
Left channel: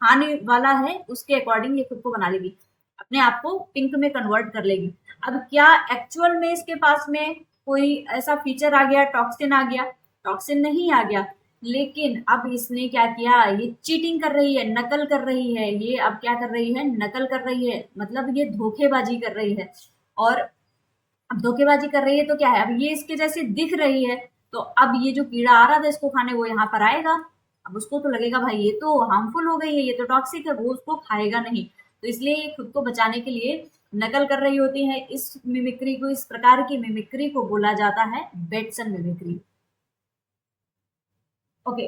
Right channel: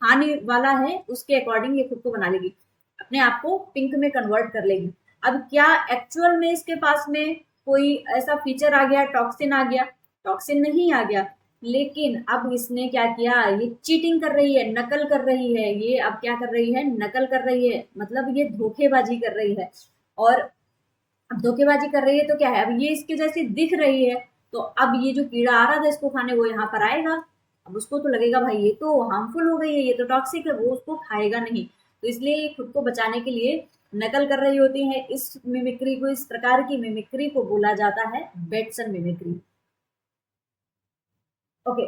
हानि वाला है उसके अकॉर्डिंग ये खुद को बना लेगी, अपने आप को पिंक में कन्वर्ट कर लेगी। अब क्या एक्चुअल में इसके पास में कोई ऐसा फीचर आ गया, टॉक्सिन आ गया, टॉक्सिन नहीं आ गया, लेकिन अब इसने क्या किया, ये चीटिंग कर रही है, नकल कर रही है, ये अब क्या कर रही है, नकल कर रही है, मतलब ये धोखेबाजी कर रही है। और अब धोखेबाजी कर रही है तो क्या है, अब ये इसके जैसे दिख रही है, तो अब ये जो कीड़ा आ रहा था इसको खाने, वो यहाँ पर आएगा। अब उसको तो लगेगा भाई ये तो हार्मफुल हो गई है, ये तो टॉक्सिक है, वो उसको खाएगा नहीं। तो इसलिए ये खुद को बचाने के लिए नकल कर रही होती है। इस मिमिक्री को, इस प्रकार की मिमिक्री को बोला जाता है बेट्सन मिमिक्री। ओके,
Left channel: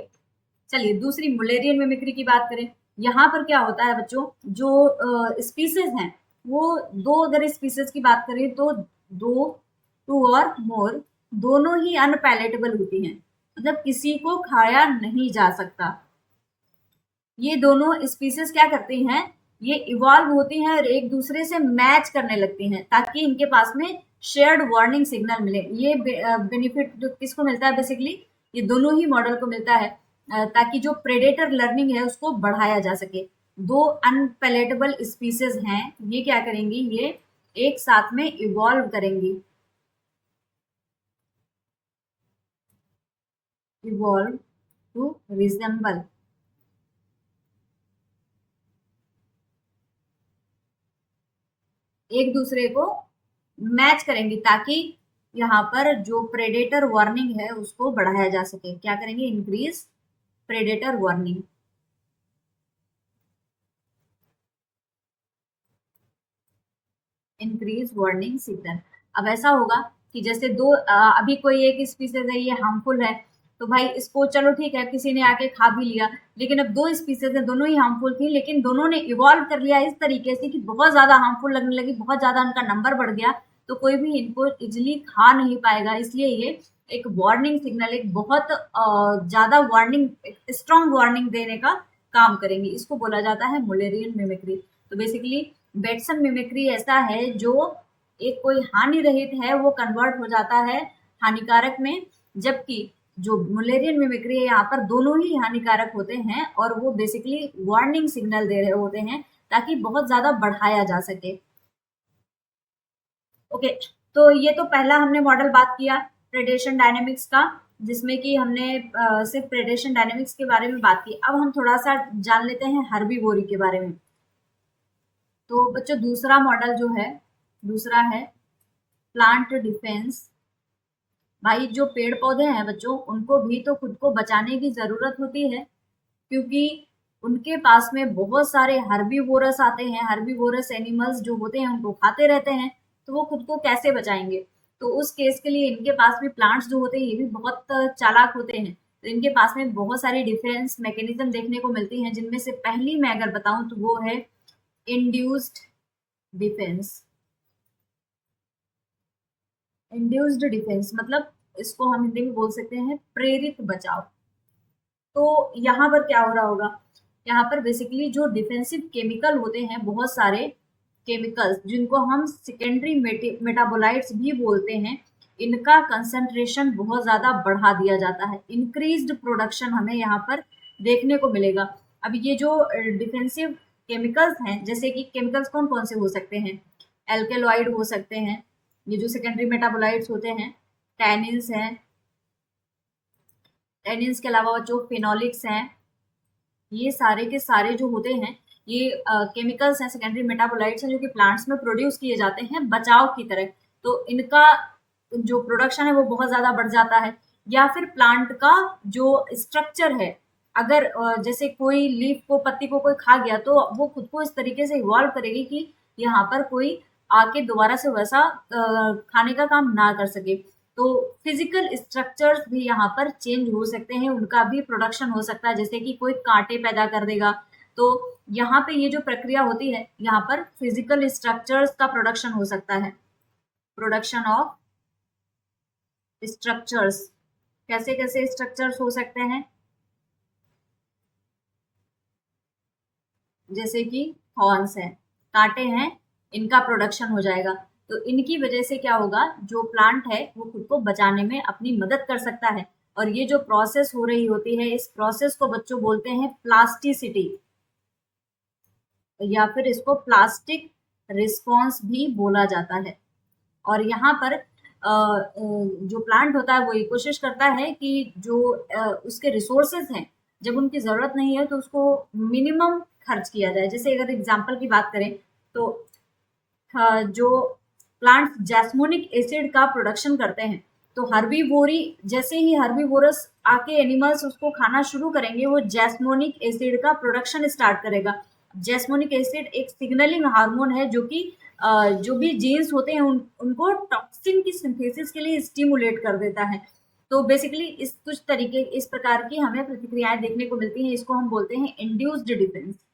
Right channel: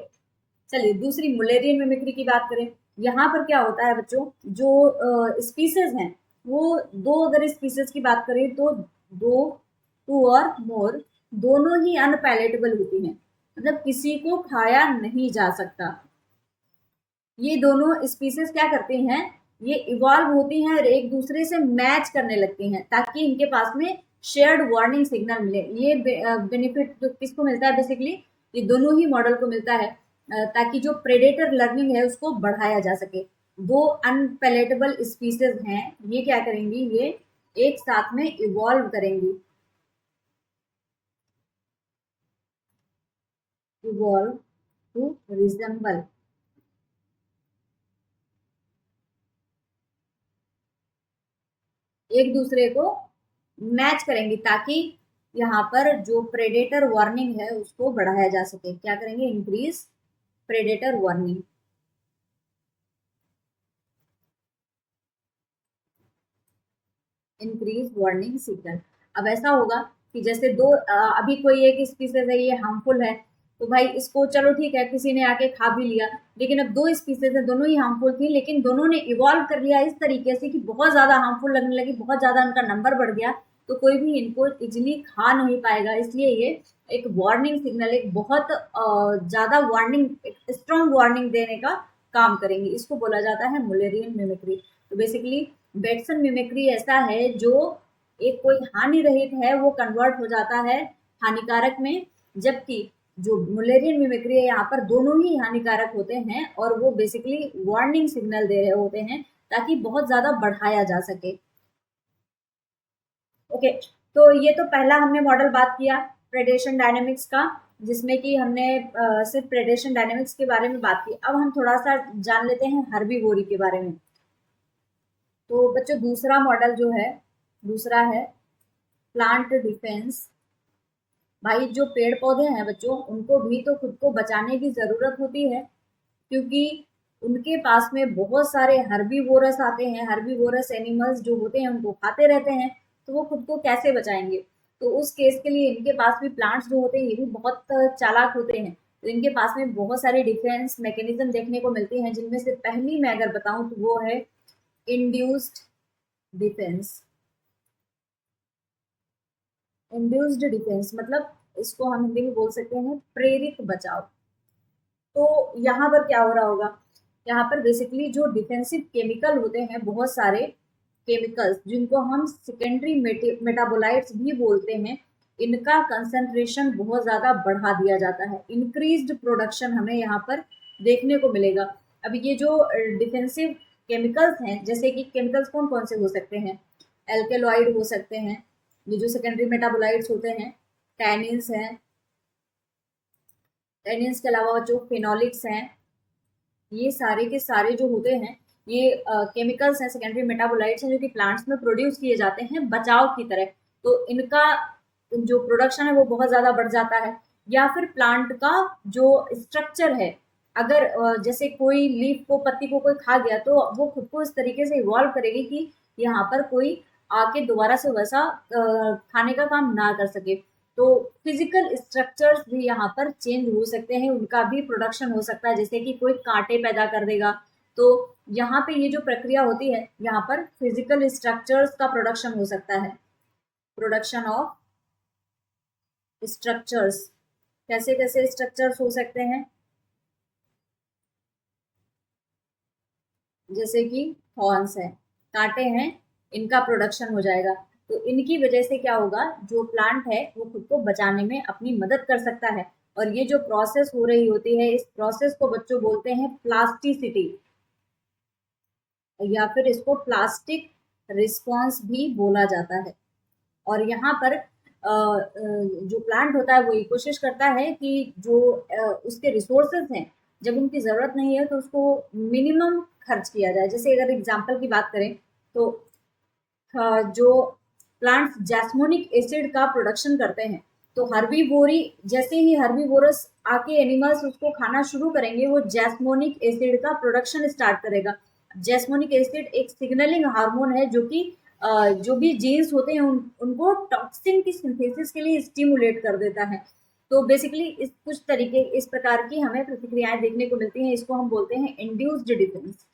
चलिए दूसरी मुलेरियन मिमिक्री की बात करें। यहाँ पर क्या होता है बच्चों, जो स्पीसीज हैं, वो दो, अगर स्पीसीज की बात करें तो दो, टू और मोर, दोनों ही अनपैलेटेबल होती हैं, मतलब किसी को खाया नहीं जा सकता। ये दोनों स्पीसीज क्या करती हैं, ये इवॉल्व होती हैं और एक दूसरे से मैच करने लगती हैं ताकि इनके पास में शेयर्ड वार्निंग सिग्नल मिले। ये बेनिफिट किसको मिलता है बेसिकली, ये दोनों ही मॉडल को मिलता है ताकि जो प्रेडेटर लर्निंग है उसको बढ़ाया जा सके। दो अनपेलेटेबल स्पीसीज हैं, ये क्या करेंगी, ये एक साथ में इवॉल्व करेंगी, इवॉल्व टू रिजेंबल, एक दूसरे को मैच करेंगी ताकि यहाँ पर जो प्रेडेटर वार्निंग है उसको बढ़ाया जा सके। क्या करेंगे, increase predator warning, increase warning signal. अब ऐसा होगा कि जैसे दो अभी कोई एक स्पीसीज है ये हार्मफुल है, तो भाई इसको चलो ठीक है किसी ने आके खा भी लिया, लेकिन अब दो स्पीसीज है दोनों ही हार्मफुल थी, लेकिन दोनों ने इवॉल्व कर लिया इस तरीके से कि बहुत ज्यादा हार्मफुल लगने लगी, बहुत ज्यादा उनका नंबर बढ़ गया, तो कोई भी इनको इजिली खा नहीं पाएगा। इसलिए ये एक वार्निंग सिग्नल, एक बहुत ज्यादा वार्निंग, स्ट्रॉन्ग वार्निंग देने का काम करेंगे। इसको बोला जाता है मुलेरियन मिमिक्री। तो बेसिकली बेटसन मिमिक्री ऐसा है जो एक कोई हानि रहित है वो कन्वर्ट हो जाता है हानिकारक में, जबकि जो मुलेरियन मिमिक्री है यहाँ पर दोनों ही हानिकारक होते हैं और वो बेसिकली वार्निंग सिग्नल दे रहे होते हैं ताकि बहुत ज्यादा बढ़ाया जा सके। ओके, तो ये तो पहला हमने मॉडल बात किया प्रेडेशन डायनेमिक्स का, जिसमें कि हमने सिर्फ प्रेडेशन डायनेमिक्स के बारे में बात की। अब हम थोड़ा सा जान लेते हैं हर्बीवोरी के बारे में। तो बच्चों दूसरा मॉडल जो है, दूसरा है प्लांट डिफेंस। भाई जो पेड़ पौधे हैं बच्चों उनको भी तो खुद को बचाने की जरूरत होती है, क्योंकि उनके पास में बहुत सारे हर्बीवोरस आते हैं, हर्बीवोरस एनिमल्स जो होते हैं उनको खाते रहते हैं, तो वो खुद को कैसे बचाएंगे। तो उस केस के लिए इनके पास भी प्लांट्स जो होते हैं ये भी बहुत चालाक होते हैं, तो इनके पास में बहुत सारी डिफेंस मैकेनिज्म देखने को मिलती हैं, जिनमें से पहली मैं अगर बताऊं तो वो है इंड्यूस्ड डिफेंस। इंड्यूस्ड डिफेंस मतलब इसको हम हिंदी में बोल सकते हैं प्रेरित बचाव। तो यहाँ पर क्या हो रहा होगा, यहाँ पर बेसिकली जो डिफेंसिव केमिकल होते हैं, बहुत सारे केमिकल्स जिनको हम सेकेंडरी मेटाबोलाइट्स भी बोलते हैं, इनका कंसंट्रेशन बहुत ज़्यादा बढ़ा दिया जाता है। इंक्रीज्ड प्रोडक्शन हमें यहाँ पर देखने को मिलेगा। अब ये जो डिफेंसिव केमिकल्स हैं, जैसे कि केमिकल्स कौन कौन से हो सकते हैं, एल्केलॉइड हो सकते हैं, ये जो सेकेंडरी मेटाबोलाइट्स होते हैं, टैनिन्स हैं, टैनिन्स के अलावा जो फिनोलिक्स हैं, ये सारे के सारे जो होते हैं ये केमिकल्स हैं, सेकेंडरी मेटाबोलाइट्स हैं जो कि प्लांट्स में प्रोड्यूस किए जाते हैं बचाव की तरह। तो इनका जो प्रोडक्शन है वो बहुत ज़्यादा बढ़ जाता है। या फिर प्लांट का जो स्ट्रक्चर है, अगर जैसे कोई लीफ को, पत्ती को कोई खा गया तो वो खुद को इस तरीके से इवॉल्व करेगी कि यहाँ पर कोई आके दोबारा से वैसा खाने का काम ना कर सके। तो फिजिकल स्ट्रक्चर्स भी यहाँ पर चेंज हो सकते हैं, उनका भी प्रोडक्शन हो सकता है, जैसे कि कोई कांटे पैदा कर देगा। तो यहाँ पे ये जो प्रक्रिया होती है, यहाँ पर फिजिकल स्ट्रक्चर्स का प्रोडक्शन हो सकता है, प्रोडक्शन ऑफ स्ट्रक्चर्स। कैसे कैसे स्ट्रक्चर्स हो सकते हैं, जैसे कि थॉर्न्स है, कांटे हैं, इनका प्रोडक्शन हो जाएगा। तो इनकी वजह से क्या होगा, जो प्लांट है वो खुद को बचाने में अपनी मदद कर सकता है। और ये जो प्रोसेस हो रही होती है, इस प्रोसेस को बच्चों बोलते हैं प्लास्टिसिटी, या फिर इसको प्लास्टिक रिस्पॉन्स भी बोला जाता है। और यहाँ पर जो प्लांट होता है वो ये कोशिश करता है कि जो उसके रिसोर्सेज हैं, जब उनकी ज़रूरत नहीं है तो उसको मिनिमम खर्च किया जाए। जैसे अगर एग्जांपल की बात करें तो जो प्लांट्स जैस्मोनिक एसिड का प्रोडक्शन करते हैं, तो हर्बीवोरी, जैसे ही हर्बीवोरस आके एनिमल्स उसको खाना शुरू करेंगे, वो जैस्मोनिक एसिड का प्रोडक्शन स्टार्ट करेगा। जैस्मोनिक एसिड एक सिग्नलिंग हार्मोन है जो कि जो भी जीन्स होते हैं उनको टॉक्सिन की सिंथेसिस के लिए स्टिमुलेट कर देता है। तो बेसिकली इस कुछ तरीके, इस प्रकार की हमें प्रतिक्रियाएं देखने को मिलती हैं, इसको हम बोलते हैं इंड्यूस्ड डिफेंस।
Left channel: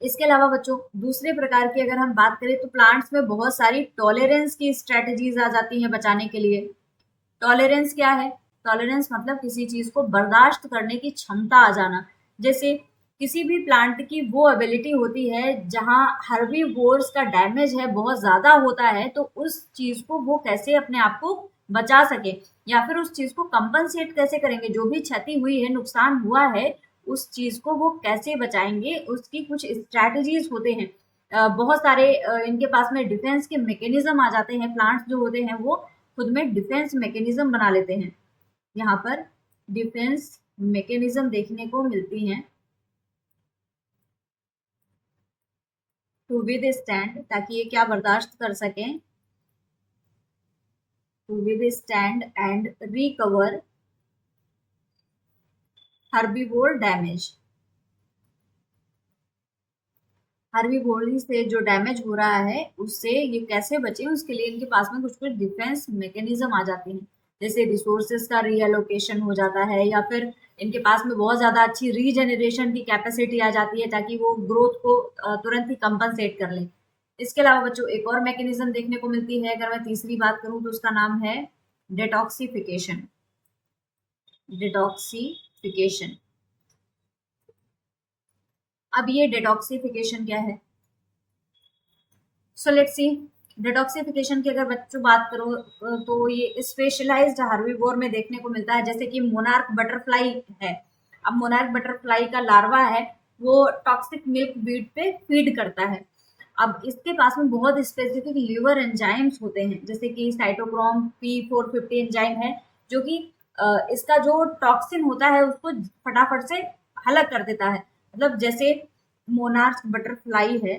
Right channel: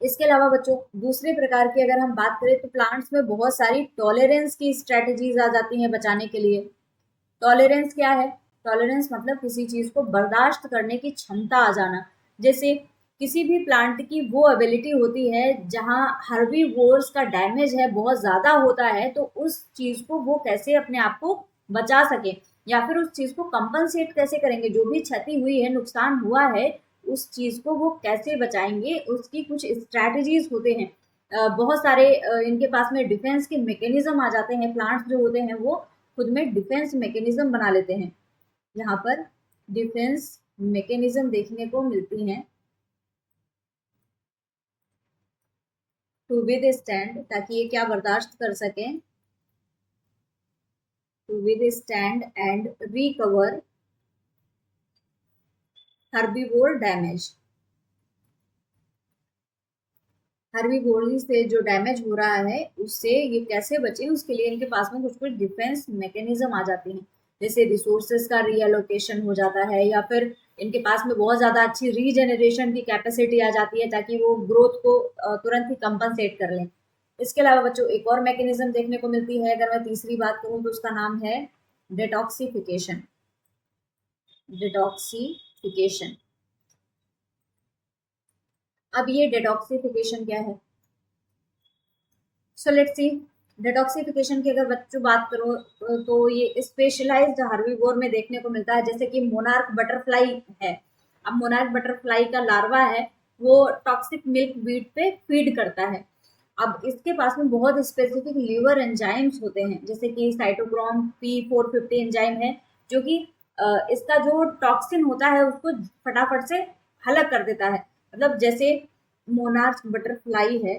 इसके अलावा बच्चों दूसरे प्रकार की अगर हम बात करें तो प्लांट्स में बहुत सारी टॉलरेंस की स्ट्रेटजीज आ जाती हैं बचाने के लिए। टॉलरेंस क्या है, टॉलरेंस मतलब किसी चीज को बर्दाश्त करने की क्षमता आ जाना। जैसे किसी भी प्लांट की वो एबिलिटी होती है जहाँ हर्बीवोर्स का डैमेज है बहुत ज़्यादा होता है, तो उस चीज़ को वो कैसे अपने आप को बचा सके या फिर उस चीज़ को कंपनसेट कैसे करेंगे, जो भी क्षति हुई है, नुकसान हुआ है, उस चीज़ को वो कैसे बचाएंगे, उसकी कुछ स्ट्रैटेजीज होते हैं। बहुत सारे इनके पास में डिफेंस के मैकेनिज्म आ जाते हैं। प्लांट्स जो होते हैं वो खुद में डिफेंस मैकेनिज्म बना लेते हैं। यहाँ पर डिफेंस मैकेनिज्म देखने को मिलती हैं टू विद स्टैंड, ताकि ये क्या बर्दाश्त कर सकें, to withstand and recover herbivore damage. Herbivore से जो डैमेज हो रहा है उससे ये कैसे बचे, उसके लिए इनके पास में कुछ कुछ डिफेंस मैकेनिज्म आ जाती हैं। जैसे रिसोर्सेज का रीएलोकेशन हो जाता है, या फिर इनके पास में बहुत ज़्यादा अच्छी रीजनरेशन की कैपेसिटी आ जाती है ताकि वो ग्रोथ को तुरंत ही कंपनसेट कर लें। इसके अलावा बच्चों एक और मैकेनिज्म देखने को मिलती है, अगर मैं तीसरी बात करूं तो उसका नाम है डिटॉक्सिफिकेशन। डिटॉक्सिफिकेशन। अब ये डिटॉक्सिफिकेशन क्या है? So let's see. डिटॉक्सिफिकेशन की अगर बच्चों बात करो तो ये स्पेशलाइज्ड हर्बीवोर में देखने को मिलता है, जैसे कि मोनार्क बटरफ्लाई है। अब मोनार्क बटरफ्लाई का लार्वा है, वो टॉक्सिक मिल्क वीड पे फीड करता है। अब इसके पास में बहुत स्पेसिफिक लीवर एंजाइम्स होते हैं, जैसे कि साइटोक्रोम P450 एंजाइम है, जो कि इसका जो टॉक्सिन होता है उसको फटाफट से हलक कर देता है। मतलब जैसे मोनार्क बटरफ्लाई है,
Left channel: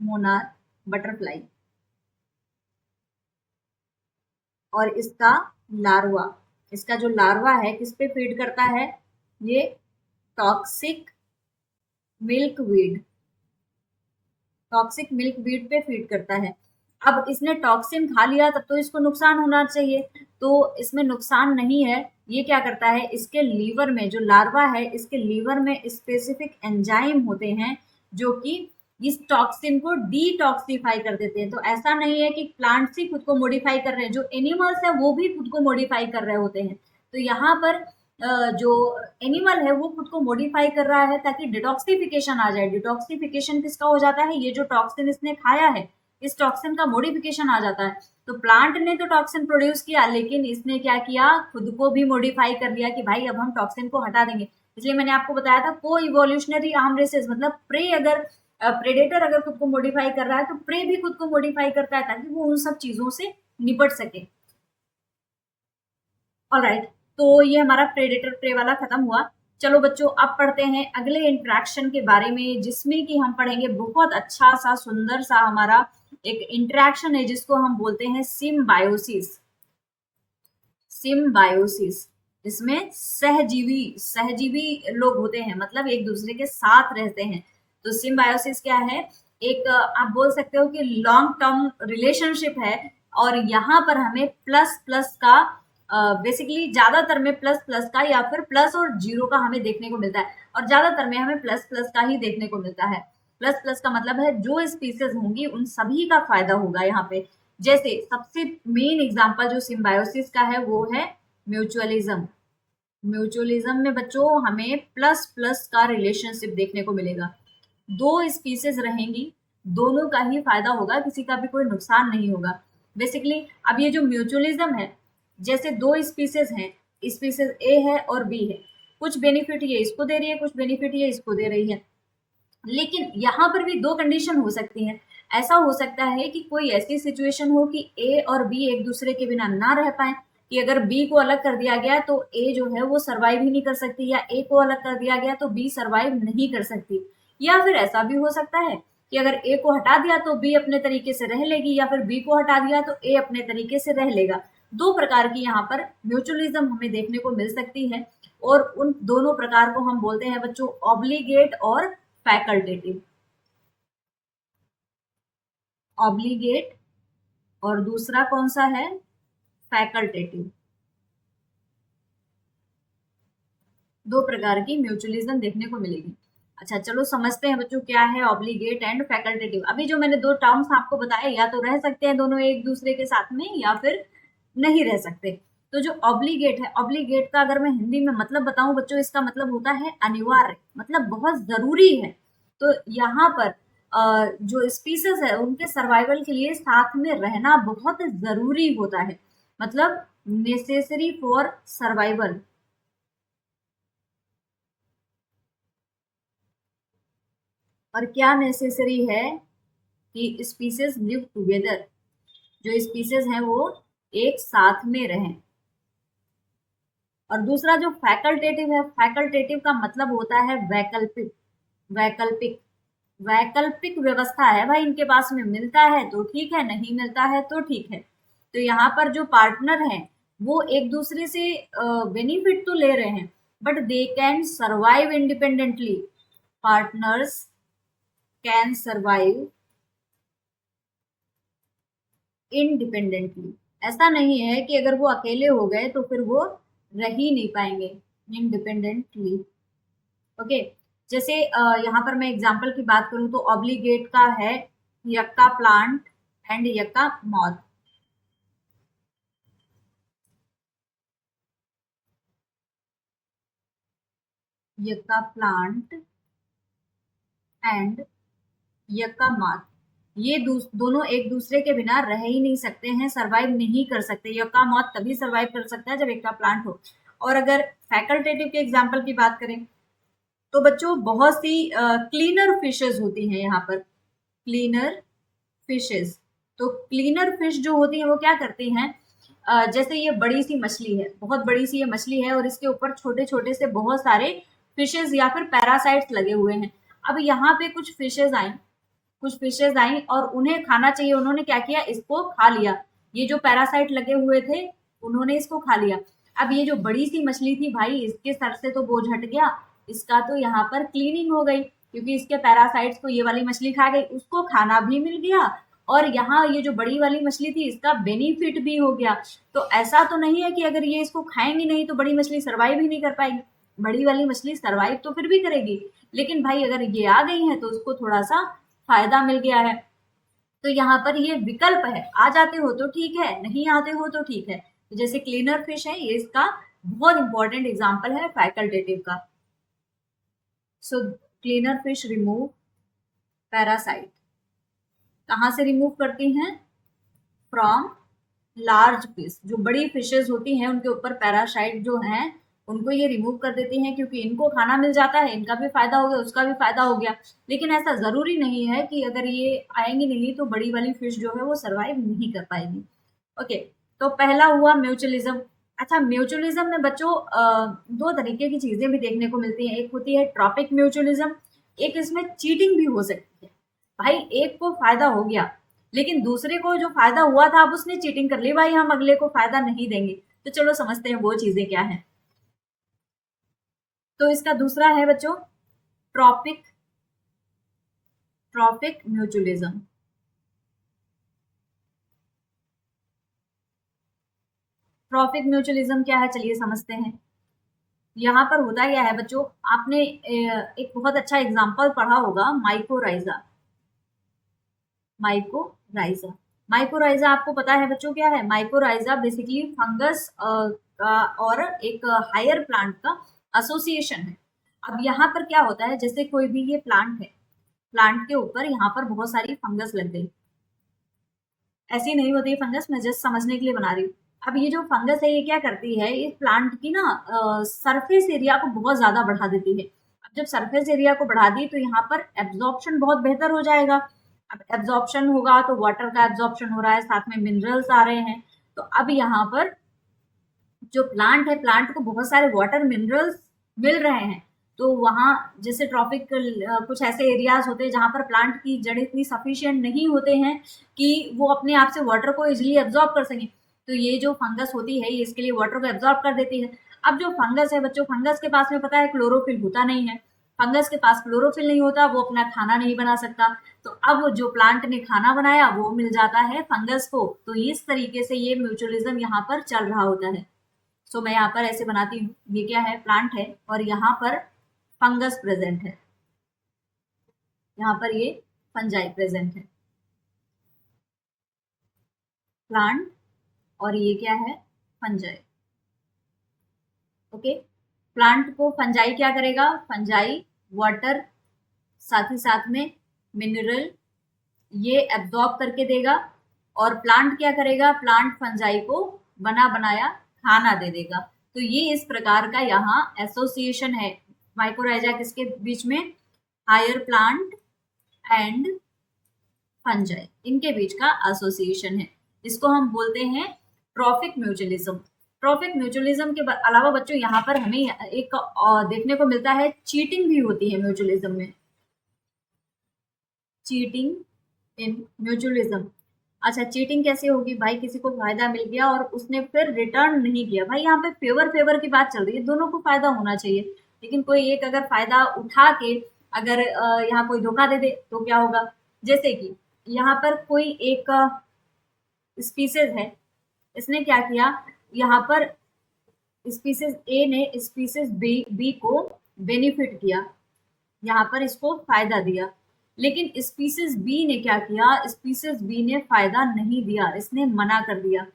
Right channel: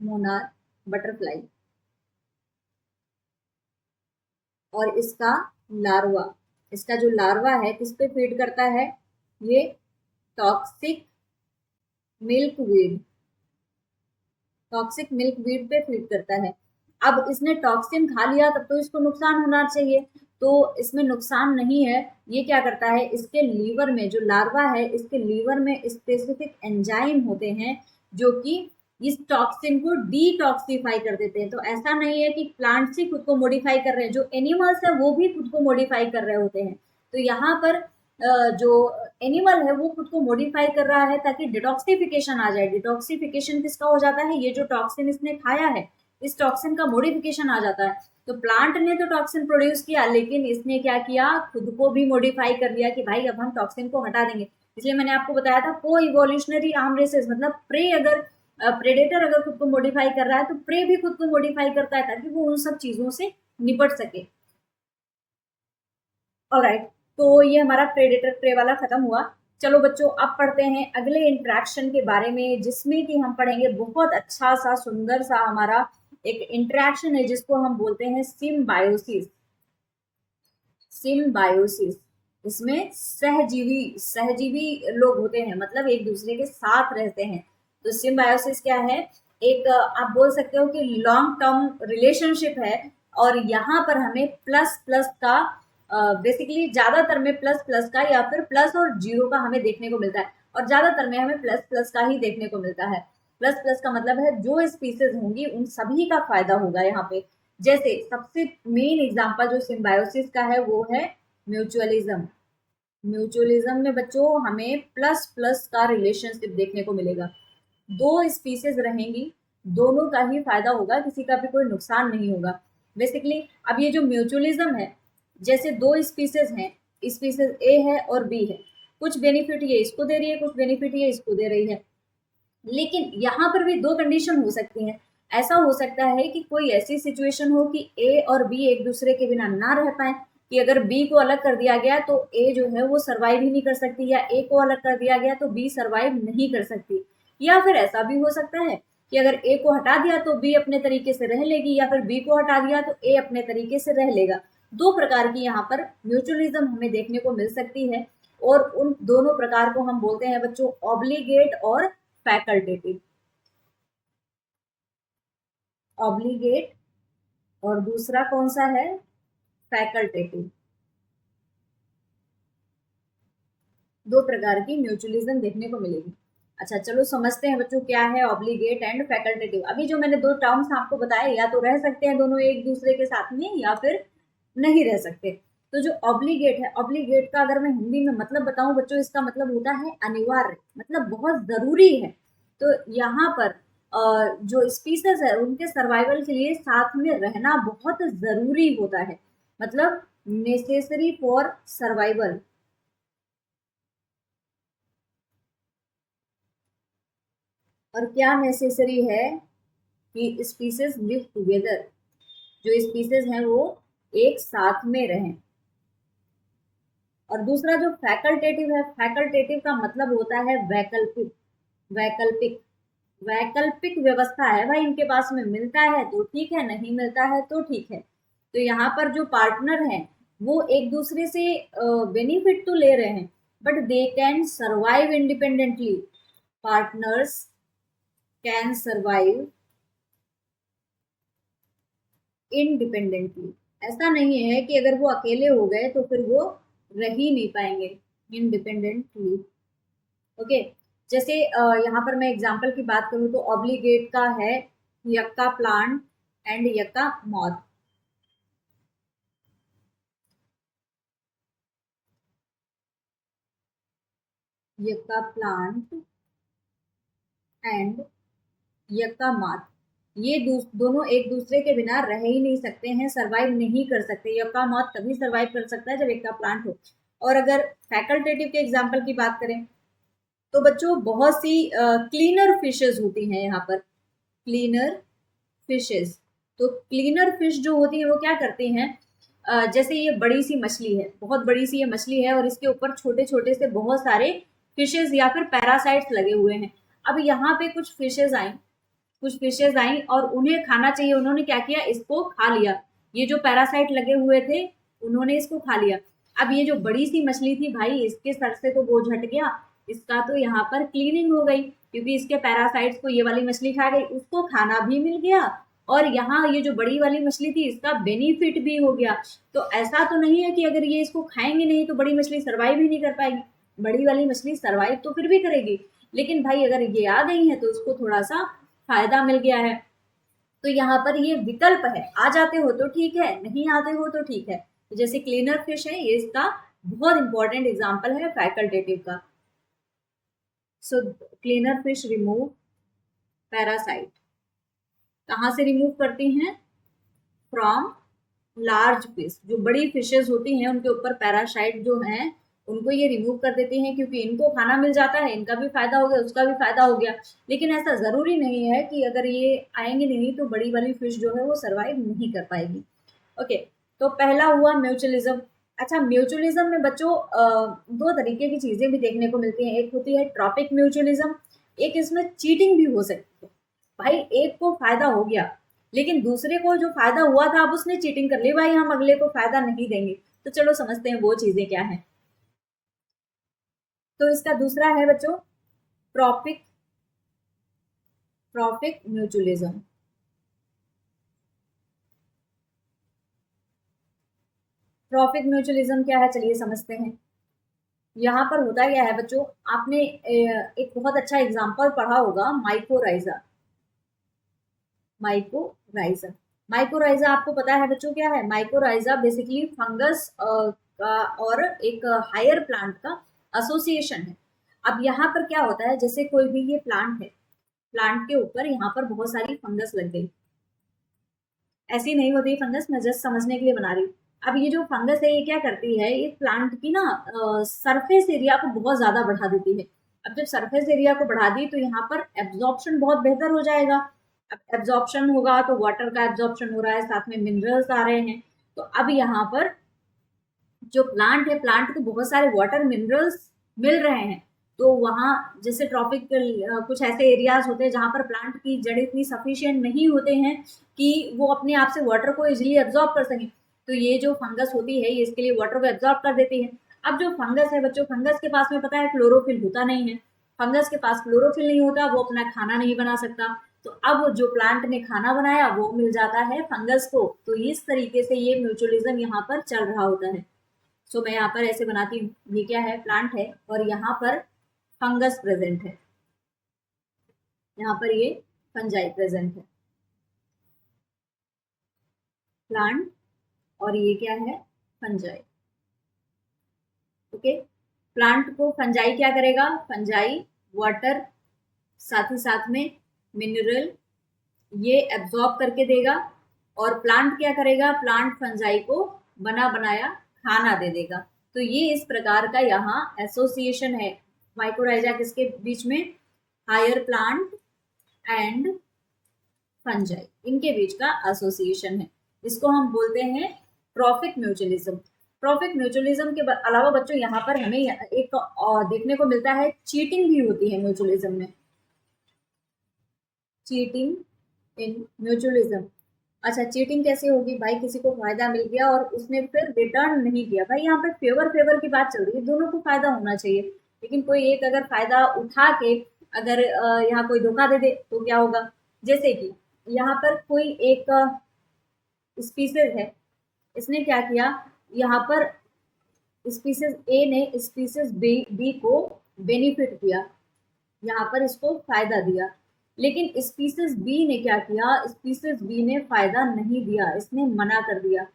मोनार्क बटरफ्लाई, और इसका लार्वा, इसका जो लार्वा है किस पे फीड करता है? ये toxic milk weed, toxic milk weed पे फीड करता है। अब इसने टॉक्सिन खा लिया तब तो इसको नुकसान होना चाहिए, तो इसमें नुकसान नहीं है। ये क्या करता है, इसके लीवर में जो लार्वा है, इसके लीवर में स्पेसिफिक एंजाइम होते हैं जो कि इस टॉक्सिन को डिटॉक्सिफाई कर देते हैं। तो ऐसा नहीं है कि प्लांट्स ही खुद को मॉडिफाई कर रहे हैं, जो एनिमल्स है वो भी खुद को मॉडिफाई कर रहे होते हैं। तो यहाँ पर जो एनिमल है वो खुद को मॉडिफाई कर रहा है ताकि डिटॉक्सिफिकेशन आ जाए। डिटॉक्सिफिकेशन किसका हो जाता है? ये जो टॉक्सिन इसने खाया है, इस टॉक्सिन का मॉडिफिकेशन आ जाता है। तो प्लांट ने तो टॉक्सिन प्रोड्यूस किया, लेकिन इसने क्या किया, खुद को भी मॉडिफाई कर लिया कि भाई अब हम टॉक्सिन को हटा देंगे। इसलिए मैंने आपको बताया था को इवोल्यूशनरी आर्म रेसेस, मतलब प्रे अगर प्रेडेटर अगर खुद को मॉडिफाई कर रहा है तो प्रे भी खुद को मॉडिफाई करता है ताकि वो उन सब चीजों से निपट सके। ऑलराइट, तो ये हमारा प्रेडेटर प्रे वाला खत्म हुआ। चलो बच्चों, अब पढ़ते हैं अगले इंटरेक्शन के बारे में, जिसमें कि हम पढ़ेंगे बहुत अच्छा सा सुंदर सा हमारा एक इंटरेक्शन है जिसको हम बोलते हैं सिम्बायोसिस। सिम्बायोसिस, इसमें सहजीवी सहजीवी लोग होते हैं, मतलब एक दूसरे के साथ रहते हैं। तो सिम्बायोसिस क्या है? एक आप बोल सकते हो कि लॉन्ग टर्म रिलेशनशिप है, और यहाँ पर हमें प्लस प्लस का बेसिकली ज्यादातर में प्लस प्लस का या फिर प्लस और जीरो का हमें देखने को मिलता है, और ज्यादातर में हमें प्लस प्लस का ही देखने को मिलता है। प्लस प्लस का मतलब है जो स्पीसीज होंगी उन सभी का फायदा होगा यहाँ पे। जैसे सबसे मेन एग्जांपल जो सिम्बायोसिस का है वो है म्यूचुअलिज्म। म्यूचुअलिज्म में बच्चों हमें प्लस प्लस का रिलेशनशिप देखने को मिलेगा। दो स्पीसीज रहेंगी, दोनों का ही फायदा होगा, किसी का भी कोई नुकसान नहीं होगा। बेसिकली अब ये जो म्यूचुअलिज्म है, जैसे दो स्पीसीज हैं, स्पीसीज ए है और बी है, कुछ बेनिफिट ये इसको दे रही है, कुछ बेनिफिट ये इसको दे रही है, लेकिन यहाँ पर भी दो कंडीशन हो सकती हैं। ऐसा हो सकता है कि कोई ऐसी सिचुएशन हो कि ए और बी एक दूसरे के बिना ना रह पाए, कि अगर बी को अलग कर दिया गया तो ए जो है वो सरवाइव ही नहीं कर सकती, या ए को अलग कर दिया गया तो बी सरवाइव नहीं कर सकती। या फिर ऐसा भी हो सकता है कि अगर ए को हटा दिया तो बी अपने तरीके से रह लेगी, या फिर बी को हटा दिया तो ए अपने तरीके से रह लेगा। दो प्रकार की यहाँ पर म्यूचुअलिज्म हमें देखने को मिल सकती है, और उन दोनों प्रकार को हम बोलते हैं बच्चों ऑब्लिगेट और फैकल्टेटिव। ऑब्लिगेट और दूसरा कौन सा है? फैकल्टेटिव। दो प्रकार की म्यूचुअलिज्म देखने को मिलेगी। अच्छा चलो समझते हैं बच्चों क्या है ऑब्लिगेट एंड फैकल्टेटिव। अभी जो मैंने दो टर्म्स आपको बताए, या तो रह सकते हैं दोनों एक दूसरे के साथ में या फिर नहीं रह सकते। तो जो ऑब्लिगेट है, ऑब्लिगेट का अगर मैं हिंदी में मतलब बताऊं बच्चों, इसका मतलब होता है अनिवार्य, मतलब बहुत जरूरी है। तो यहाँ पर जो स्पीसीज है उनके सर्वाइवल के लिए साथ में रहना बहुत जरूरी होता है, मतलब नेसेसरी फॉर सर्वाइवल। और क्या नेसेसरी है कि स्पीसीज लिव टुगेदर, जो स्पीसीज हैं वो एक साथ में रहें। और दूसरा जो फैकल्टेटिव है, फैकल्टेटिव का मतलब होता है वैकल्पिक, वैकल्पिक, वैकल्पिक व्यवस्था है भाई इनके पास में, मिलता है तो ठीक है, नहीं मिलता है तो ठीक है। तो यहाँ पर जो पार्टनर हैं वो एक दूसरे से बेनिफिट तो ले रहे हैं, but they can survive independently. Partners can survive independently. ऐसा नहीं है कि अगर वो अकेले हो गए तो फिर वो रह ही नहीं पाएंगे इंडिपेंडेंटली। ओके, जैसे यहाँ पर मैं एग्जांपल की बात करूँ तो ऑब्लिगेट का है yucca plant and yucca moth. Yucca plant and yucca moth, ये दोनों एक दूसरे के बिना रह ही नहीं सकते हैं, सरवाइव नहीं कर सकते। यक्का मॉथ तभी सरवाइव कर सकता है जब यक्का प्लांट हो। और अगर फैकल्टेटिव के एग्जाम्पल की बात करें तो बच्चों बहुत सी क्लीनर फिशेस होती हैं यहाँ पर, क्लीनर फिशेस। तो क्लीनर फिश जो होती हैं वो क्या करती हैं, जैसे ये बड़ी सी मछली है, बहुत बड़ी सी ये मछली है और इसके ऊपर छोटे छोटे से बहुत सारे फिशेस या फिर पैरासाइट्स लगे हुए हैं। अब यहाँ पे कुछ फिशेस आई, कुछ फिशेस आई और उन्हें खाना चाहिए, उन्होंने क्या किया, इसको खा लिया। ये जो पैरासाइट लगे हुए थे उन्होंने इसको खा लिया। अब ये जो बड़ी सी मछली थी भाई, इसके सर से तो बोझ हट गया, इसका तो यहाँ पर क्लीनिंग हो गई, क्योंकि इसके पैरासाइट्स को ये वाली मछली खा गई, उसको खाना भी मिल गया और यहाँ ये जो बड़ी वाली मछली थी इसका बेनिफिट भी हो गया। तो ऐसा तो नहीं है कि अगर ये इसको खाएंगे नहीं तो बड़ी मछली सर्वाइव ही नहीं कर पाएगी, बड़ी वाली मछली सर्वाइव तो फिर भी करेगी, लेकिन भाई अगर ये आ गई है तो उसको थोड़ा सा फायदा मिल गया है। तो यहाँ पर ये विकल्प है, आ जाते हो तो ठीक है, नहीं आते हो तो ठीक है। तो जैसे क्लीनर फिश है, ये इसका बहुत इंपॉर्टेंट एग्जाम्पल है फैकल्टेटिव का। सो क्लीनर फिश रिमूव पैरासाइट, कहाँ से रिमूव करती हैं, फ्रॉम लार्ज फिश। जो बड़ी फिशेज होती हैं उनके ऊपर पैरासाइट जो हैं उनको ये रिमूव कर देती हैं, क्योंकि इनको खाना मिल जाता है, इनका भी फायदा हो गया, उसका भी फायदा हो गया। लेकिन ऐसा जरूरी नहीं है कि अगर ये आएंगे नहीं तो बड़ी वाली फिश जो है वो सर्वाइव नहीं कर पाएगी। ओके, तो पहला हुआ म्यूचुअलिज्म। अच्छा, म्यूचुअलिज्म में बच्चों दो तरीके की चीजें भी देखने को मिलती हैं, एक होती है ट्रॉपिक म्यूचुअलिज्म, एक इसमें चीटिंग भी हो सकती है। भाई एक को फायदा हो गया लेकिन दूसरे को जो फायदा हुआ था अब उसने चीटिंग कर ली, भाई हम अगले को फायदा नहीं देंगे। तो चलो समझते हैं वो चीजें क्या हैं। तो इसका दूसरा है बच्चों trophic, trophic mutualism. Trophic mutualism क्या है, चलिए समझते हैं। यहाँ पर होता क्या है बच्चों, आपने एक बहुत अच्छा एग्जाम्पल पढ़ा होगा, माइकोराइजा। माइकोराइजा, माइकोराइजा आपको पता है बच्चों क्या है, माइकोराइजा बेसिकली फंगस का और एक हायर प्लांट का एसोसिएशन है। अब यहाँ पर क्या होता है, जैसे कोई भी ये प्लांट है, प्लांट के ऊपर यहाँ पर बहुत सारी फंगस लग गई, ऐसी नहीं होती फंगस, मैं जस्ट समझने के लिए बना रही हूँ। अब ये जो फंगस है ये क्या करती है, ये प्लांट की ना सरफेस एरिया को बहुत ज्यादा बढ़ा देती है। अब जब सरफेस एरिया को बढ़ा दी तो यहाँ पर एब्जॉर्प्शन बहुत बेहतर हो जाएगा। अब एब्जॉर्प्शन होगा तो वाटर का एब्जॉर्प्शन हो रहा है, साथ में मिनरल्स आ रहे हैं। तो अब यहाँ पर जो प्लांट है, प्लांट को बहुत सारे वाटर मिनरल्स मिल रहे हैं। तो वहाँ जैसे ट्रॉपिकल कुछ ऐसे एरियाज होते हैं जहाँ पर प्लांट की जड़ इतनी सफिशिएंट नहीं होते हैं कि वो अपने आप से वाटर को इजिली एब्जॉर्ब कर सकें। तो ये जो फंगस होती है ये इसके लिए वाटर को एब्जॉर्ब कर देती है। अब जो फंगस है बच्चों, फंगस के पास में पता है क्लोरोफिल होता नहीं है, फंगस के पास क्लोरोफिल नहीं होता, वो अपना खाना नहीं बना सकता। तो अब जो प्लांट ने खाना बनाया वो मिल जाता है फंगस को। तो इस तरीके से ये म्यूचुअलिज्म यहाँ पर चल रहा होता है। सो मैं यहाँ पर ऐसे बनाती हूँ, ये क्या है, प्लांट है और यहाँ पर फंगस प्रेजेंट है, यहाँ पर ये फंजाई प्रेजेंट है, प्लांट और ये क्या है, फंजाई। ओके। प्लांट को फंजाई क्या करेगा, फंजाई वाटर साथ ही साथ में मिनरल ये एब्जॉर्ब करके देगा, और प्लांट क्या करेगा, प्लांट फंजाई को बना बनाया खाना दे देगा। तो ये इस प्रकार का यहाँ एसोसिएशन है माइकोराइजा किसके बीच में, हायर प्लांट एंड फंजाई, इनके बीच का एसोसिएशन है। इसको हम बोलते हैं ट्रॉफिक म्यूचुअलिज्म। ट्रॉफिक म्यूचुअलिज्म के अलावा बच्चों यहाँ पर हमें एक देखने को मिलता है, चीटिंग भी होती है म्यूचुअलिज्म में, चीटिंग इन म्यूचुअलिज्म। अच्छा, चीटिंग कैसे होगी भाई, किसी को फायदा मिल गया और उसने फिर रिटर्न नहीं किया। भाई यहाँ पे फेवर फेवर की बात चल रही है, दोनों को फायदा होना चाहिए, लेकिन कोई एक अगर फायदा उठा के अगर यहाँ कोई धोखा दे दे तो क्या होगा। जैसे कि यहाँ पर कोई एक स्पीसीज है, इसने क्या किया, यहाँ पर स्पीसीज ए ने स्पीसीज बी को बेनिफिट किया, यहाँ पर इसको फायदा दिया, लेकिन स्पीसीज बी ने क्या किया, स्पीसीज बी ने फायदा नहीं दिया, इसने मना कर दिया।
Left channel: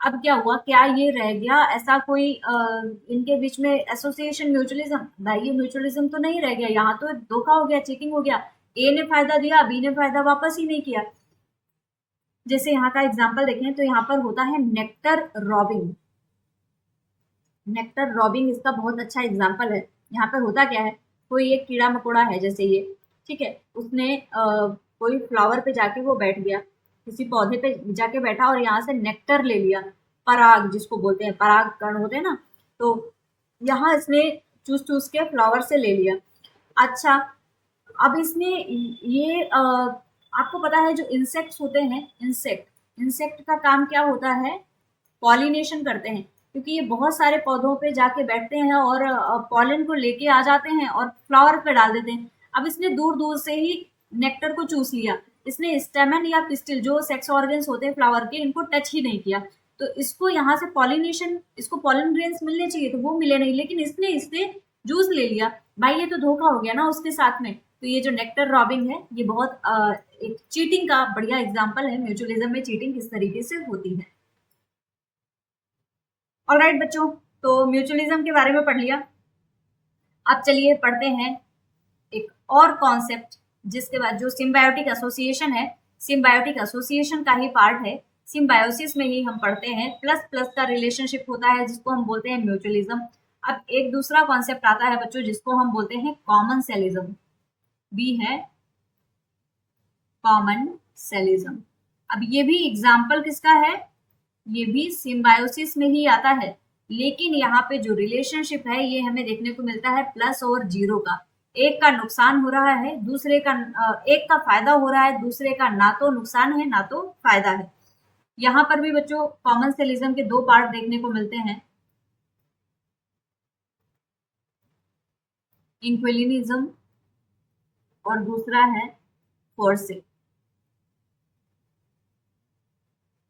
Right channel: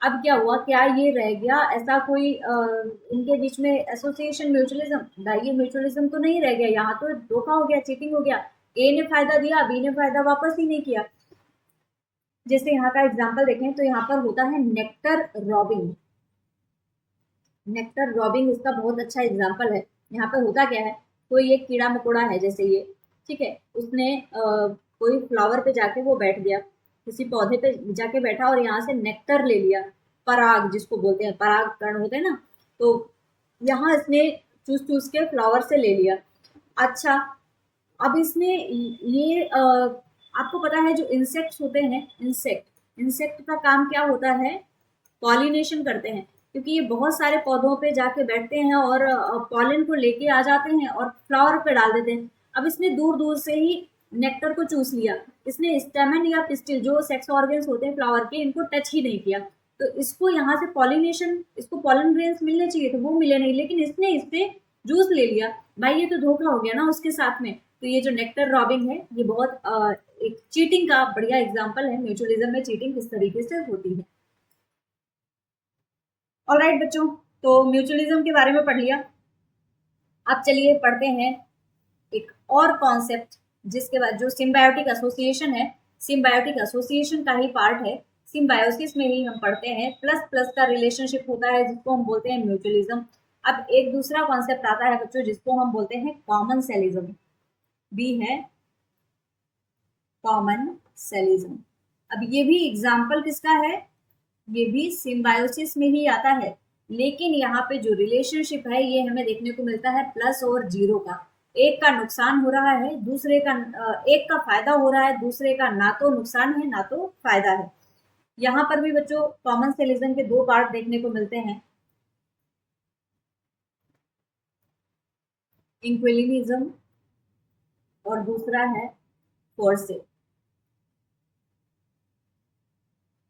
अब क्या हुआ, क्या ये रह गया ऐसा कोई इनके बीच में एसोसिएशन म्यूचुअलिज्म, भाई ये म्यूचुअलिज्म तो नहीं रह गया, यहाँ तो धोखा हो गया, चीटिंग हो गया, ए ने फायदा दिया, बी ने फायदा वापस ही नहीं किया। जैसे यहाँ का एग्जाम्पल देखें तो यहाँ पर होता है नेक्टर रॉबिंग। नेक्टर रॉबिंग इसका बहुत अच्छा एग्जाम्पल है। यहाँ पर होता क्या है, कोई एक कीड़ा मकोड़ा है जैसे ये, ठीक है, उसने कोई फ्लावर पे जाके वो बैठ गया, किसी पौधे पे जाके बैठा और यहाँ से नेक्टर ले लिया, पराग जिसको बोलते हैं, पराग कण होते हैं ना, तो यहाँ इसने चूस चूस के फ्लावर से ले लिया। अच्छा, अब इसने ये आपको पता है जो इंसेक्ट्स होते हैं, इंसेक्ट का काम क्या होता है, पॉलिनेशन करते हैं, क्योंकि ये बहुत सारे पौधों पे जाके बैठते हैं और पॉलन को लेके आ जाते हैं और फ्लावर पे डाल देते हैं। अब इसने दूर दूर से ही नेक्टर को चूस लिया, इसने स्टेमन या पिस्टिल जो सेक्स ऑर्गन्स होते हैं फ्लावर के, इनको टच ही नहीं किया, तो इसको यहाँ से पॉलिनेशन, इसको पॉलन ग्रेन्स मिलने चाहिए तो वो मिले नहीं, लेकिन इसने इससे जूस ले लिया। भाई ये तो धोखा हो गया ना उसके साथ में। तो ये जो नेक्टर रॉबिंग है ये बहुत एक चीटिंग का बढ़िया एग्जाम्पल है, म्यूचुअलिज्म में चीटिंग किस तरीके से होती है। ऑलराइट बच्चों, तो म्यूचुअलिज्म के बारे में पढ़ लिया। अब चलिए पढ़ते हैं एक और कॉन्सेप्ट जिसके बाद जो सिम्बायोटिक एसोसिएशन है, सिम्बायोटिक एसोसिएशन का ही पार्ट है, सिम्बायोसिस में ही हम पढ़ते हैं, प्लस प्लस का रिलेशनशिप होता है जिसको हम बोलते हैं म्यूचुअलिज्म। अब एक दूसरा कॉन्सेप्ट आता है बच्चों जिसको हम बोलते हैं कॉमन सेलिज्म, बी है कॉमन सेलिज्म। अब ये भी एग्जाम्पल किसका है, ये भी सिम्बायोसिस में ही आता है, लेकिन यहाँ पे जो रिलेशनशिप है ये हमें देखने को मिलता है प्लस और जीरो का। एक का नुकसान हो रहा है, दूसरे का एक का फायदा हो रहा है, दूसरे का ना तो नुकसान है ना तो फायदा है। यहाँ पर भी बच्चों कॉमन सेलिज्म के दो पार्ट देखने को मिलते हैं, इंक्विलिनिज्म और दूसरा है फोर्से।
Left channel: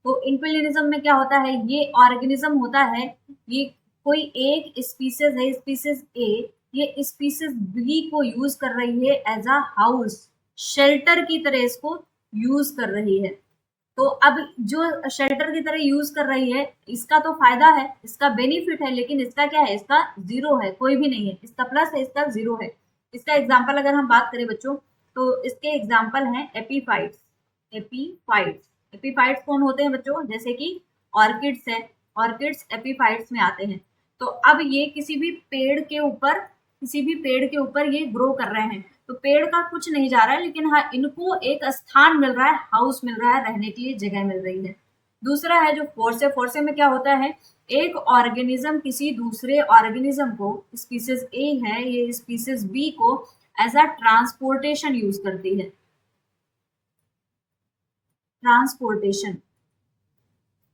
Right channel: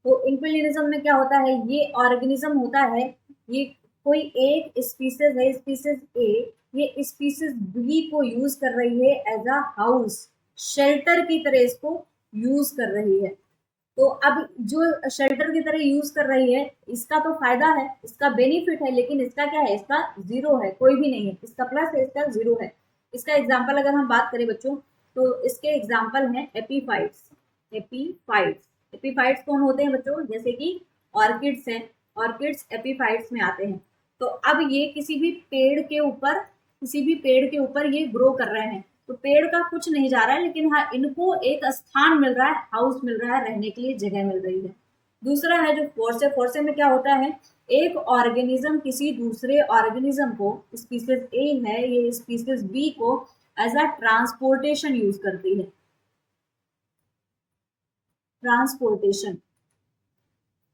तो इंक्विलिनिज्म में क्या होता है, ये ऑर्गेनिज्म होता है, ये कोई एक स्पीसीज है, स्पीसीज ए, ये स्पीसीज बी को यूज कर रही है एज अ हाउस, शेल्टर की तरह इसको यूज कर रही है। तो अब जो शेल्टर की तरह यूज कर रही है, इसका तो फायदा है, इसका बेनिफिट है, लेकिन इसका क्या है, इसका जीरो है, कोई भी नहीं है, इसका प्लस है, इसका जीरो है। इसका एग्जाम्पल अगर हम बात करें बच्चों तो इसके एग्जाम्पल हैं एपीफाइट्स। एपीफाइट्स, एपीफाइट्स कौन होते हैं बच्चों, जैसे कि ऑर्किड्स है, ऑर्किड्स एपीफाइट्स में आते हैं। तो अब ये किसी भी पेड़ के ऊपर, किसी भी पेड़ के ऊपर ये ग्रो कर रहे हैं, तो पेड़ का कुछ नहीं जा रहा है, लेकिन हाँ इनको एक स्थान मिल रहा है, हाउस मिल रहा है, रहने के लिए जगह मिल रही है। दूसरा है जो फोर्से, फोर्से में क्या होता है, एक ऑर्गेनिज्म किसी दूसरे ऑर्गेनिज्म को, स्पीसीज ए है ये स्पीसीज बी को एज अ ट्रांसपोर्टेशन यूज करती है, ट्रांसपोर्टेशन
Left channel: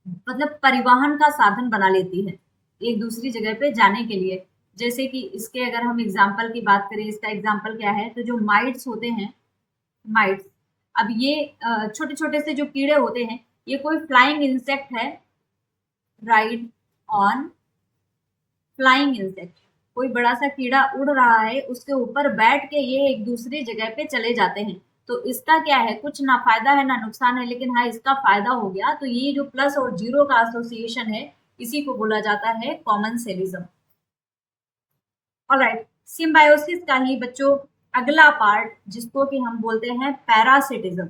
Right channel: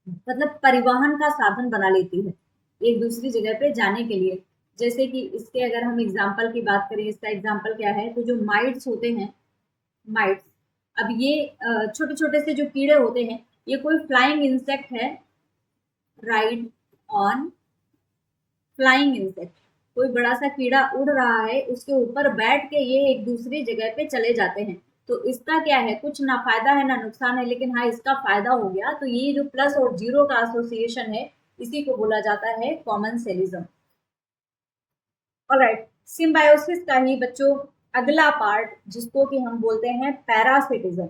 मतलब परिवहन का साधन बना लेती है एक दूसरी जगह पे जाने के लिए। जैसे कि इसके अगर हम एग्जाम्पल की बात करें, इसका एग्जाम्पल क्या है, तो जो माइट्स होते हैं, माइट्स, अब ये छोटे छोटे से जो कीड़े होते हैं, ये कोई फ्लाइंग इंसेक्ट है, राइड ऑन फ्लाइंग इंसेक्ट, कोई बड़ा सा कीड़ा उड़ रहा है, उसके ऊपर बैठ के ये एक दूसरी जगह पे चले जाते हैं। तो इसका क्या है, कुछ ना फायदा है ना नुकसान है, लेकिन हाँ इसका फायदा हो गया। तो ये जो प्लस और जीरो का एसोसिएशन है, इसी को बोला जाता है कॉमन सेलिज्म। ऑलराइट, सिम्बायोसिस का ही बच्चों अगला पार्ट जिसको कि हम बोलते हैं पैरासिटिज्म,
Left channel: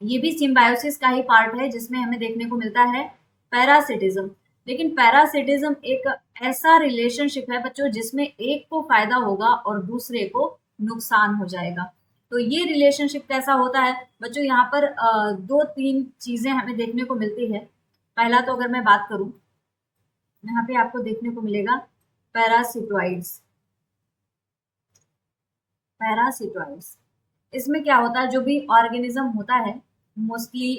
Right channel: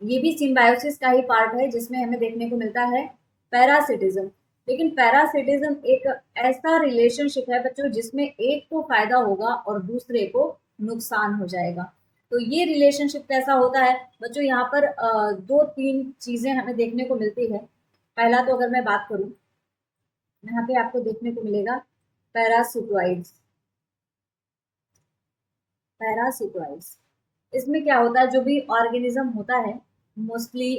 ये भी सिम्बायोसिस का ही पार्ट है जिसमें हमें देखने को मिलता है पैरासिटिज्म। लेकिन पैरासिटिज्म एक ऐसा रिलेशनशिप है बच्चों जिसमें एक को फायदा होगा और दूसरे को नुकसान हो जाएगा। तो ये रिलेशनशिप कैसा होता है बच्चों, यहाँ पर दो तीन चीजें हमें देखने को मिलती है। पहला तो अगर मैं बात करूं, यहाँ पे आपको देखने को मिलेगा पैरासिटोइड्स। पैरासिटोइड्स, इसमें क्या होता है, जो भी ऑर्गेनिज्म होता है मोस्टली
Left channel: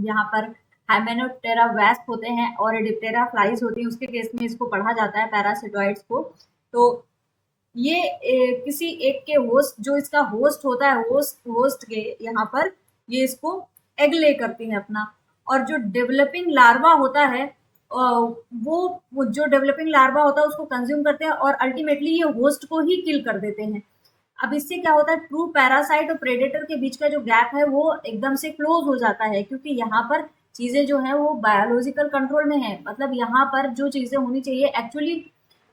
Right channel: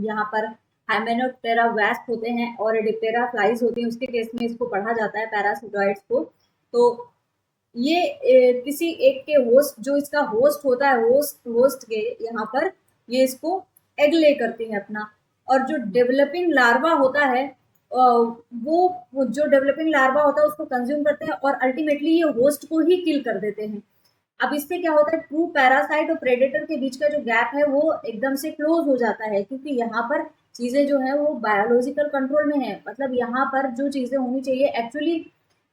यहाँ पर हाइमेनोप्टेरा वेस्प होते हैं और डिप्टेरा फ्लाइज होती हैं, उसके केस में इसको पढ़ा जाता है पैरासिटोइड्स को। तो ये किसी एक के होस्ट, जो इसका होस्ट होता है, होस्ट के यहाँ पर ये इसको एग ले करती है अपना, और जो डेवलपिंग लार्वा होता है वो जो डेवलपिंग लार्वा होता है उसको कंज्यूम करते हैं और अल्टीमेटली ये होस्ट को ही किल कर देते हैं। अब इससे क्या होता है, ट्रू पैरासाइट और प्रेडेटर के बीच का जो गैप है वो एकदम से क्लोज हो जाता है, क्योंकि यहाँ पर चीजें जो है वो बायोलॉजिकल कंट्रोल में है। मतलब यहाँ पर जो चीजें होनी चाहिए एक्चुअली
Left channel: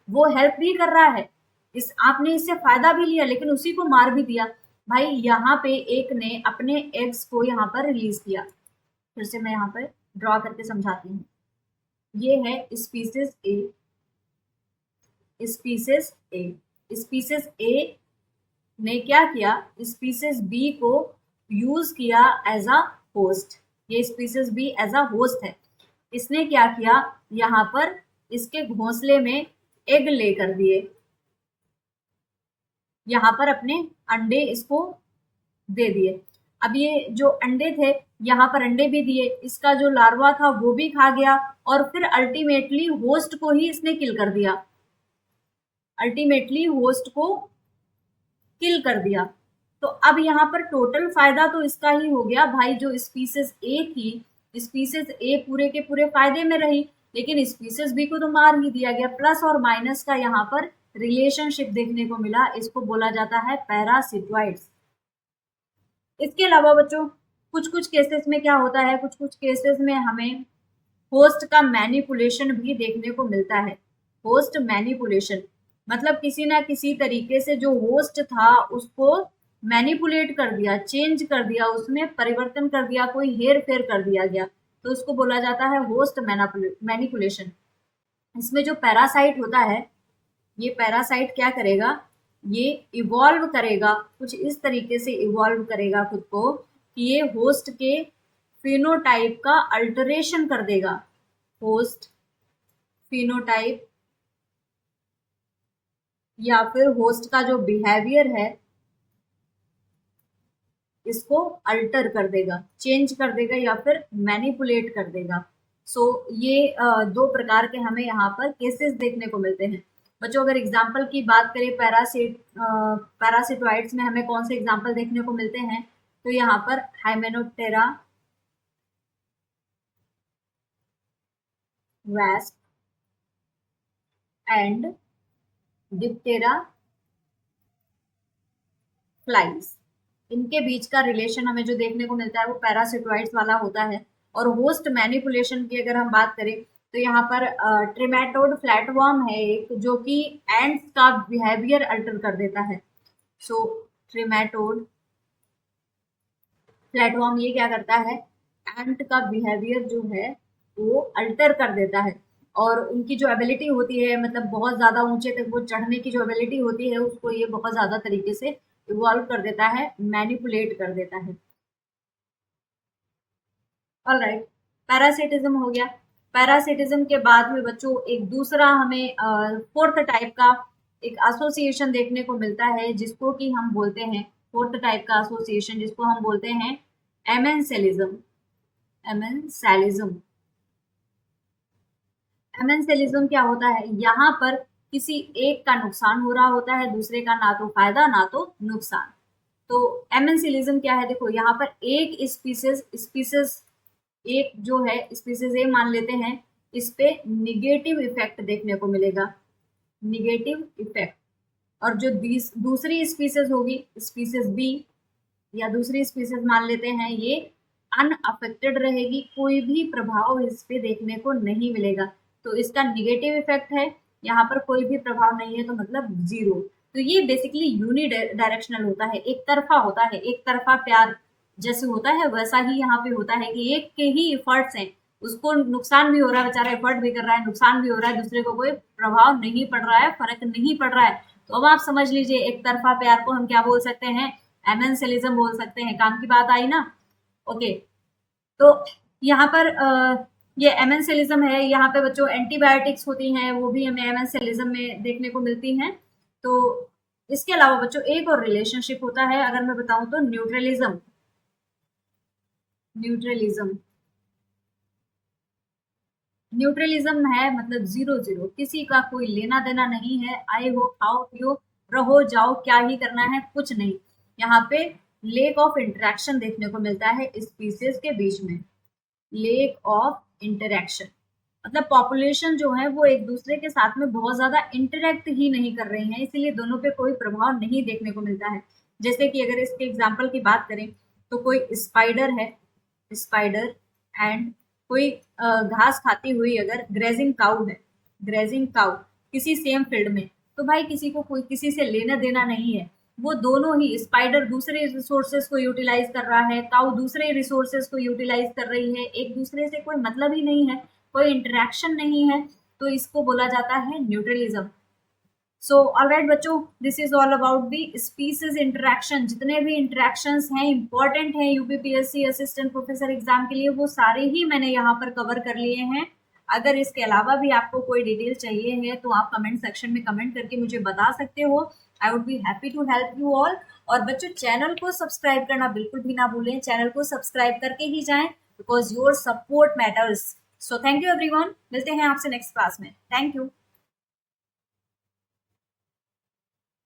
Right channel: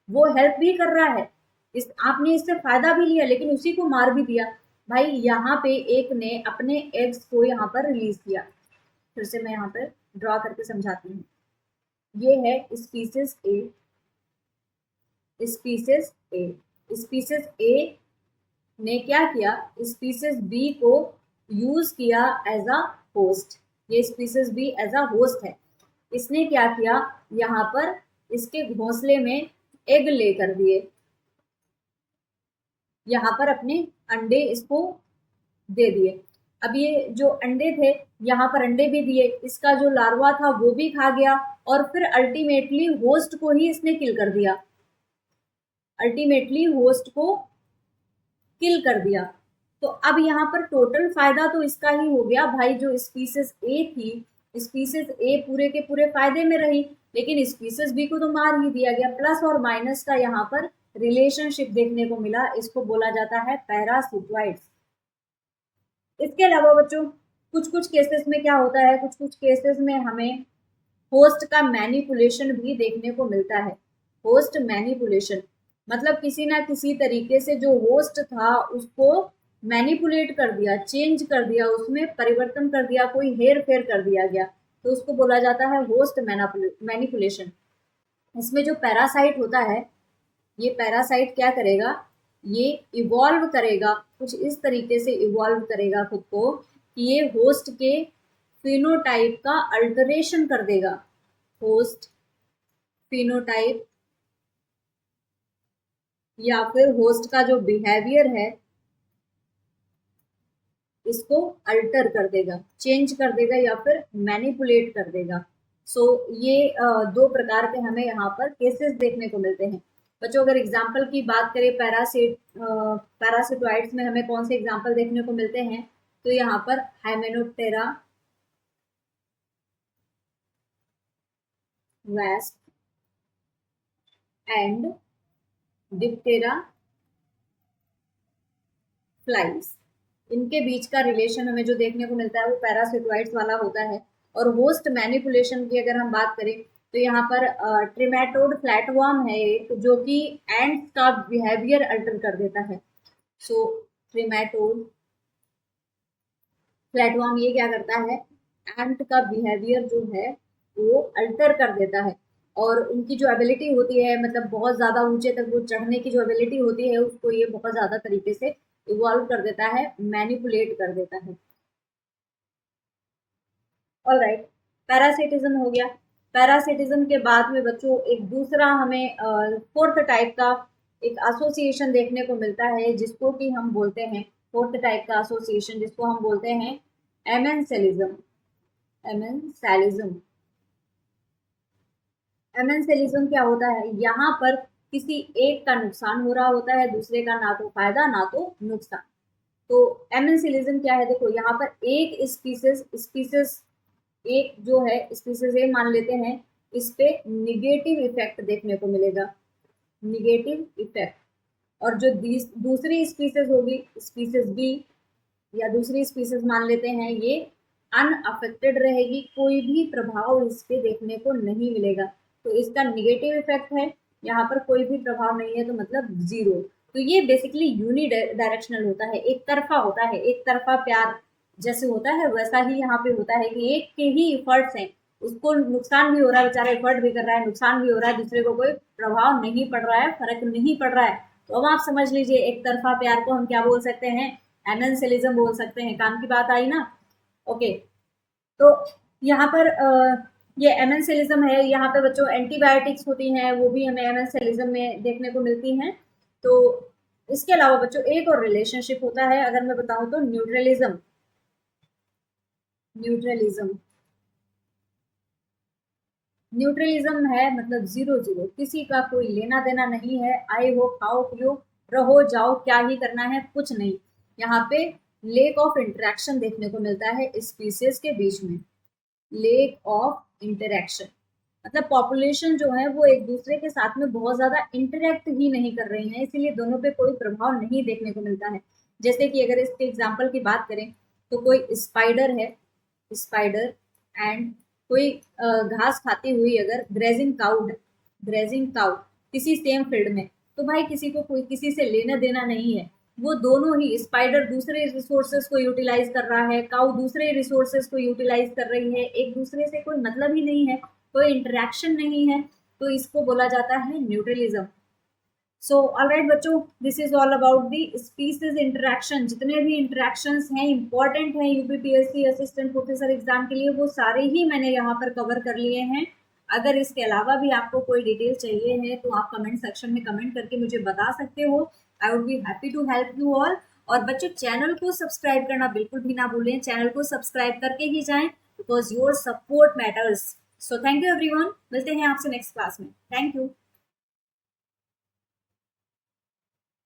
वो हेल्प भी कर रहा है, इस आपने इससे फायदा भी लिया लेकिन उसी को मार भी दिया। भाई यहाँ पे एक ने अपने एग्स को यहाँ पर रिलीज किया। फिर से मैं यहाँ पर ड्रॉ करके समझाती हूँ। ये है species A, species A, species A ने क्या किया, स्पीसीज बी को यूज किया एज अ होस्ट। ये species B as a host है। इसने क्या किया, यहाँ पर इसके घोंसले में एग ले कर दिए, यहाँ पर अपने अंडे इसको दे दिए। अब ये जो अंडे थे यहाँ पर अंडे भी दिए, इसका जो लार्वा था वो भी खा गया और फिर अल्टीमेटली होस्ट को ही इसने किल कर दिया, अल्टीमेटली होस्ट को किल कर दिया। तो अब यहाँ पर टोटल फायदा तो इसका ही हो गया भाई, जो स्पीसीज ए थी, स्पीसीज ए पूरे के पूरे फायदे में रही, लेकिन स्पीसीज बी को तो मार ही दिया गया। प्लस और माइनस का यहाँ पर रिलेशनशिप देखने को मिला, इसको बोला जाता है पैरासिटोइड्स। इसके अलावा बच्चों कुछ कुछ केसेस में क्या होता है, कुछ कुछ केसेस में हमें होस्ट का मैनिपुलेशन भी देखने को मिलता है। होस्ट मैनिपुलेशन मतलब किसी ना किसी तरीके से जो होस्ट था उसको मैनिपुलेट कर दिया, चेंज कर दिया, उसमें परिवर्तन कर दिया, कोई हेर फेर कर दिया गया, तो उसको बोला जाता है होस्ट मैनिपुलेशन। इसमें जो पैरासाइट होता है, ये पैरासाइट क्या करेगा, ये इवॉल्व करेगा, कुछ इस तरीके से इवॉल्व करेगा खुद को कि ये होस्ट के फिनोटाइप का अल्टरेशन कर देगा। होस्ट फिनोटाइप या फिर होस्ट का जो बिहेवियर है इसको अल्टर कर देगा, चेंज कर देगा या फिर मैनिपुलेट कर देगा। सो ये दो प्रकार के हमें यहाँ पर केसेस देखने को मिलते हैं। बच्चों अगर एग्जाम्पल की बात करें पैरासिटोइड्स में हमें कौन से एग्जाम्पल देखने को मिलते हैं, तो यहाँ पर Hymenoptera wasp and Diptera flies, इनके बीच का रिलेशन हमें जो देखने को मिलता है वो पैरासिटोइड्स वाला होता है। और होस्ट मैनिपुलेशन की अगर हम बात करें तो यहाँ पर ट्रिमेटोड फ्लैटवर्म है एक, जो कि एंड्स का बिहेवियर अल्टर कर देता है। सो ट्रिमेटोड फ्लैटवर्म ये क्या करता है, एंट का बिहेवियर जो है वो अल्टर कर देता है, और उनकी जो एबिलिटी होती है, मतलब बहुत ज़्यादा ऊंचे तक वो चढ़ने की जो एबिलिटी होती है उसको ये बहुत ज़्यादा तरीके से इवॉल्व कर देता है, मैनिपुलेट कर देता है। ऑलराइट, पैरासिटिज्म हो गया। पैरासिटिज्म के बाद में बच्चों एक दूसरा हमें फोर्थ टाइप का एक एसोसिएशन देखने को मिलता है जिसको कि हम बोलते हैं, फोर्थ टाइप का एसोसिएशन जिसको हम बोलते हैं एमेंसेलिज्म। एमेंसेलिज्म, एमेंसेलिज्म क्या होता है, यहाँ पर किसी एक का नुकसान हो रहा होता है, दूसरे का ना तो फायदा ना तो नुकसान। तो एमेंसेलिज्म क्या है, देखो यहाँ पर एक स्पीसीज एक जो है स्पीसीज ए मान लेते हैं, इस पे निगेटिव इफेक्ट देखने को मिलेगा, निगेटिव इफेक्ट। और जो दूसरी स्पीसीज होगी, स्पीसीज बी या दूसरी स्पीसीज मान लेते हैं, ये अनअफेक्टेड रहेगी, कोई भी प्रभाव इस पे देखने को नहीं मिलेगा। तो इसका निगेटिव इफेक्ट है, यहाँ पर कोई भी प्रभाव नहीं है तो मतलब जीरो। तो ये बेसिकली यूनि डायरेक्शनल होता है, एक तरफा होता है, एक तरफा प्यार जैसे होता है वैसा ही यहाँ पे होता है कि एक के ही इफर्ट्स हैं, उसको नुकसान भी हो रहा है, बेचारा एफर्ट भी कर रहा है, नुकसान भी हो रहा है, दूसरे को कोई प्रभाव नहीं पड़ रहा है, फर्क नहीं पड़ रहा है। तो अब आप समझ लीजिए एक तरफा प्यार को हम क्या बोल सकते हैं, एमेंसेलिज्म बोल सकते हैं। काम की बात आई ना। ओके, तो यहाँ पर ये एमेंसेलिज्म है। यहाँ पे बच्चों एंटीबायोटिक्स होती हैं, वो भी हमें एमेंसेलिज्म में देखने को मिलती हैं। तो इसके अलावा बच्चों एक और रिलेशनशिप होता है, अगर मैं बताऊं तो न्यूट्रलिज्म। न्यूट्रलिज्म न्यूट्रलिज्म है मतलब जीरो जीरो, किसी का कोई लेना देना नहीं है, आए हो खाओ पियो रहो जाओ, क्या ही करना है, कुछ नहीं। यहाँ पे लेक ऑफ इंटरेक्शन देखने को मिलता है स्पीसीज के बीच में। लेक ऑफ इंटरेक्शन मतलब पॉपुलेशन जो है वो एक दूसरे के साथ में बहुत ज्यादा इंटरेक्ट ही नहीं कर रही हैं, इसीलिए दोनों पे कोई प्रभाव नहीं देखने को मिलता है। जैसे कि अगर इसके एग्जाम्पल की बात करें तो कोई स्पाइडर है, स्पाइडर एंड कोई घास खाती हुई अगर ग्रेजिंग काउ है, ग्रेजिंग काउ किसी सेम फील्ड में, तो भाई किसी को कोई किसी से लेना देना नहीं है। वो दोनों ही, स्पाइडर दूसरे रिसोर्सेज को यूटिलाइज कर रहा है, काउ दूसरे रिसोर्सेज को यूटिलाइज कर रही है, एक दूसरे से कोई मतलब ही नहीं है, कोई इंटरेक्शन नहीं है, तो इसको बोला जाता है न्यूट्रलिज्म। सो ऑलराइट बच्चों, this is all about the species interaction. जितने भी इंटरेक्शंस हैं इंपॉर्टेंट हैं यूपीपीएससी असिस्टेंट प्रोफेसर एग्जाम के लिए, वो सारे ही मैंने यहाँ पर कवर कर लिए हैं। अगर इसके अलावा भी आपको कोई डिटेल चाहिए है तो आप कमेंट सेक्शन में कमेंट करके मुझे बता सकते हो। I would be happy to help you all. और बच्चों चैनल को सब्सक्राइब करना बिल्कुल भी ना भूलें, चैनल को सब्सक्राइब करके ही जाएं, because your support matters. So thank you everyone, मिलते हैं आपसे नेक्स्ट क्लास में। Thank you.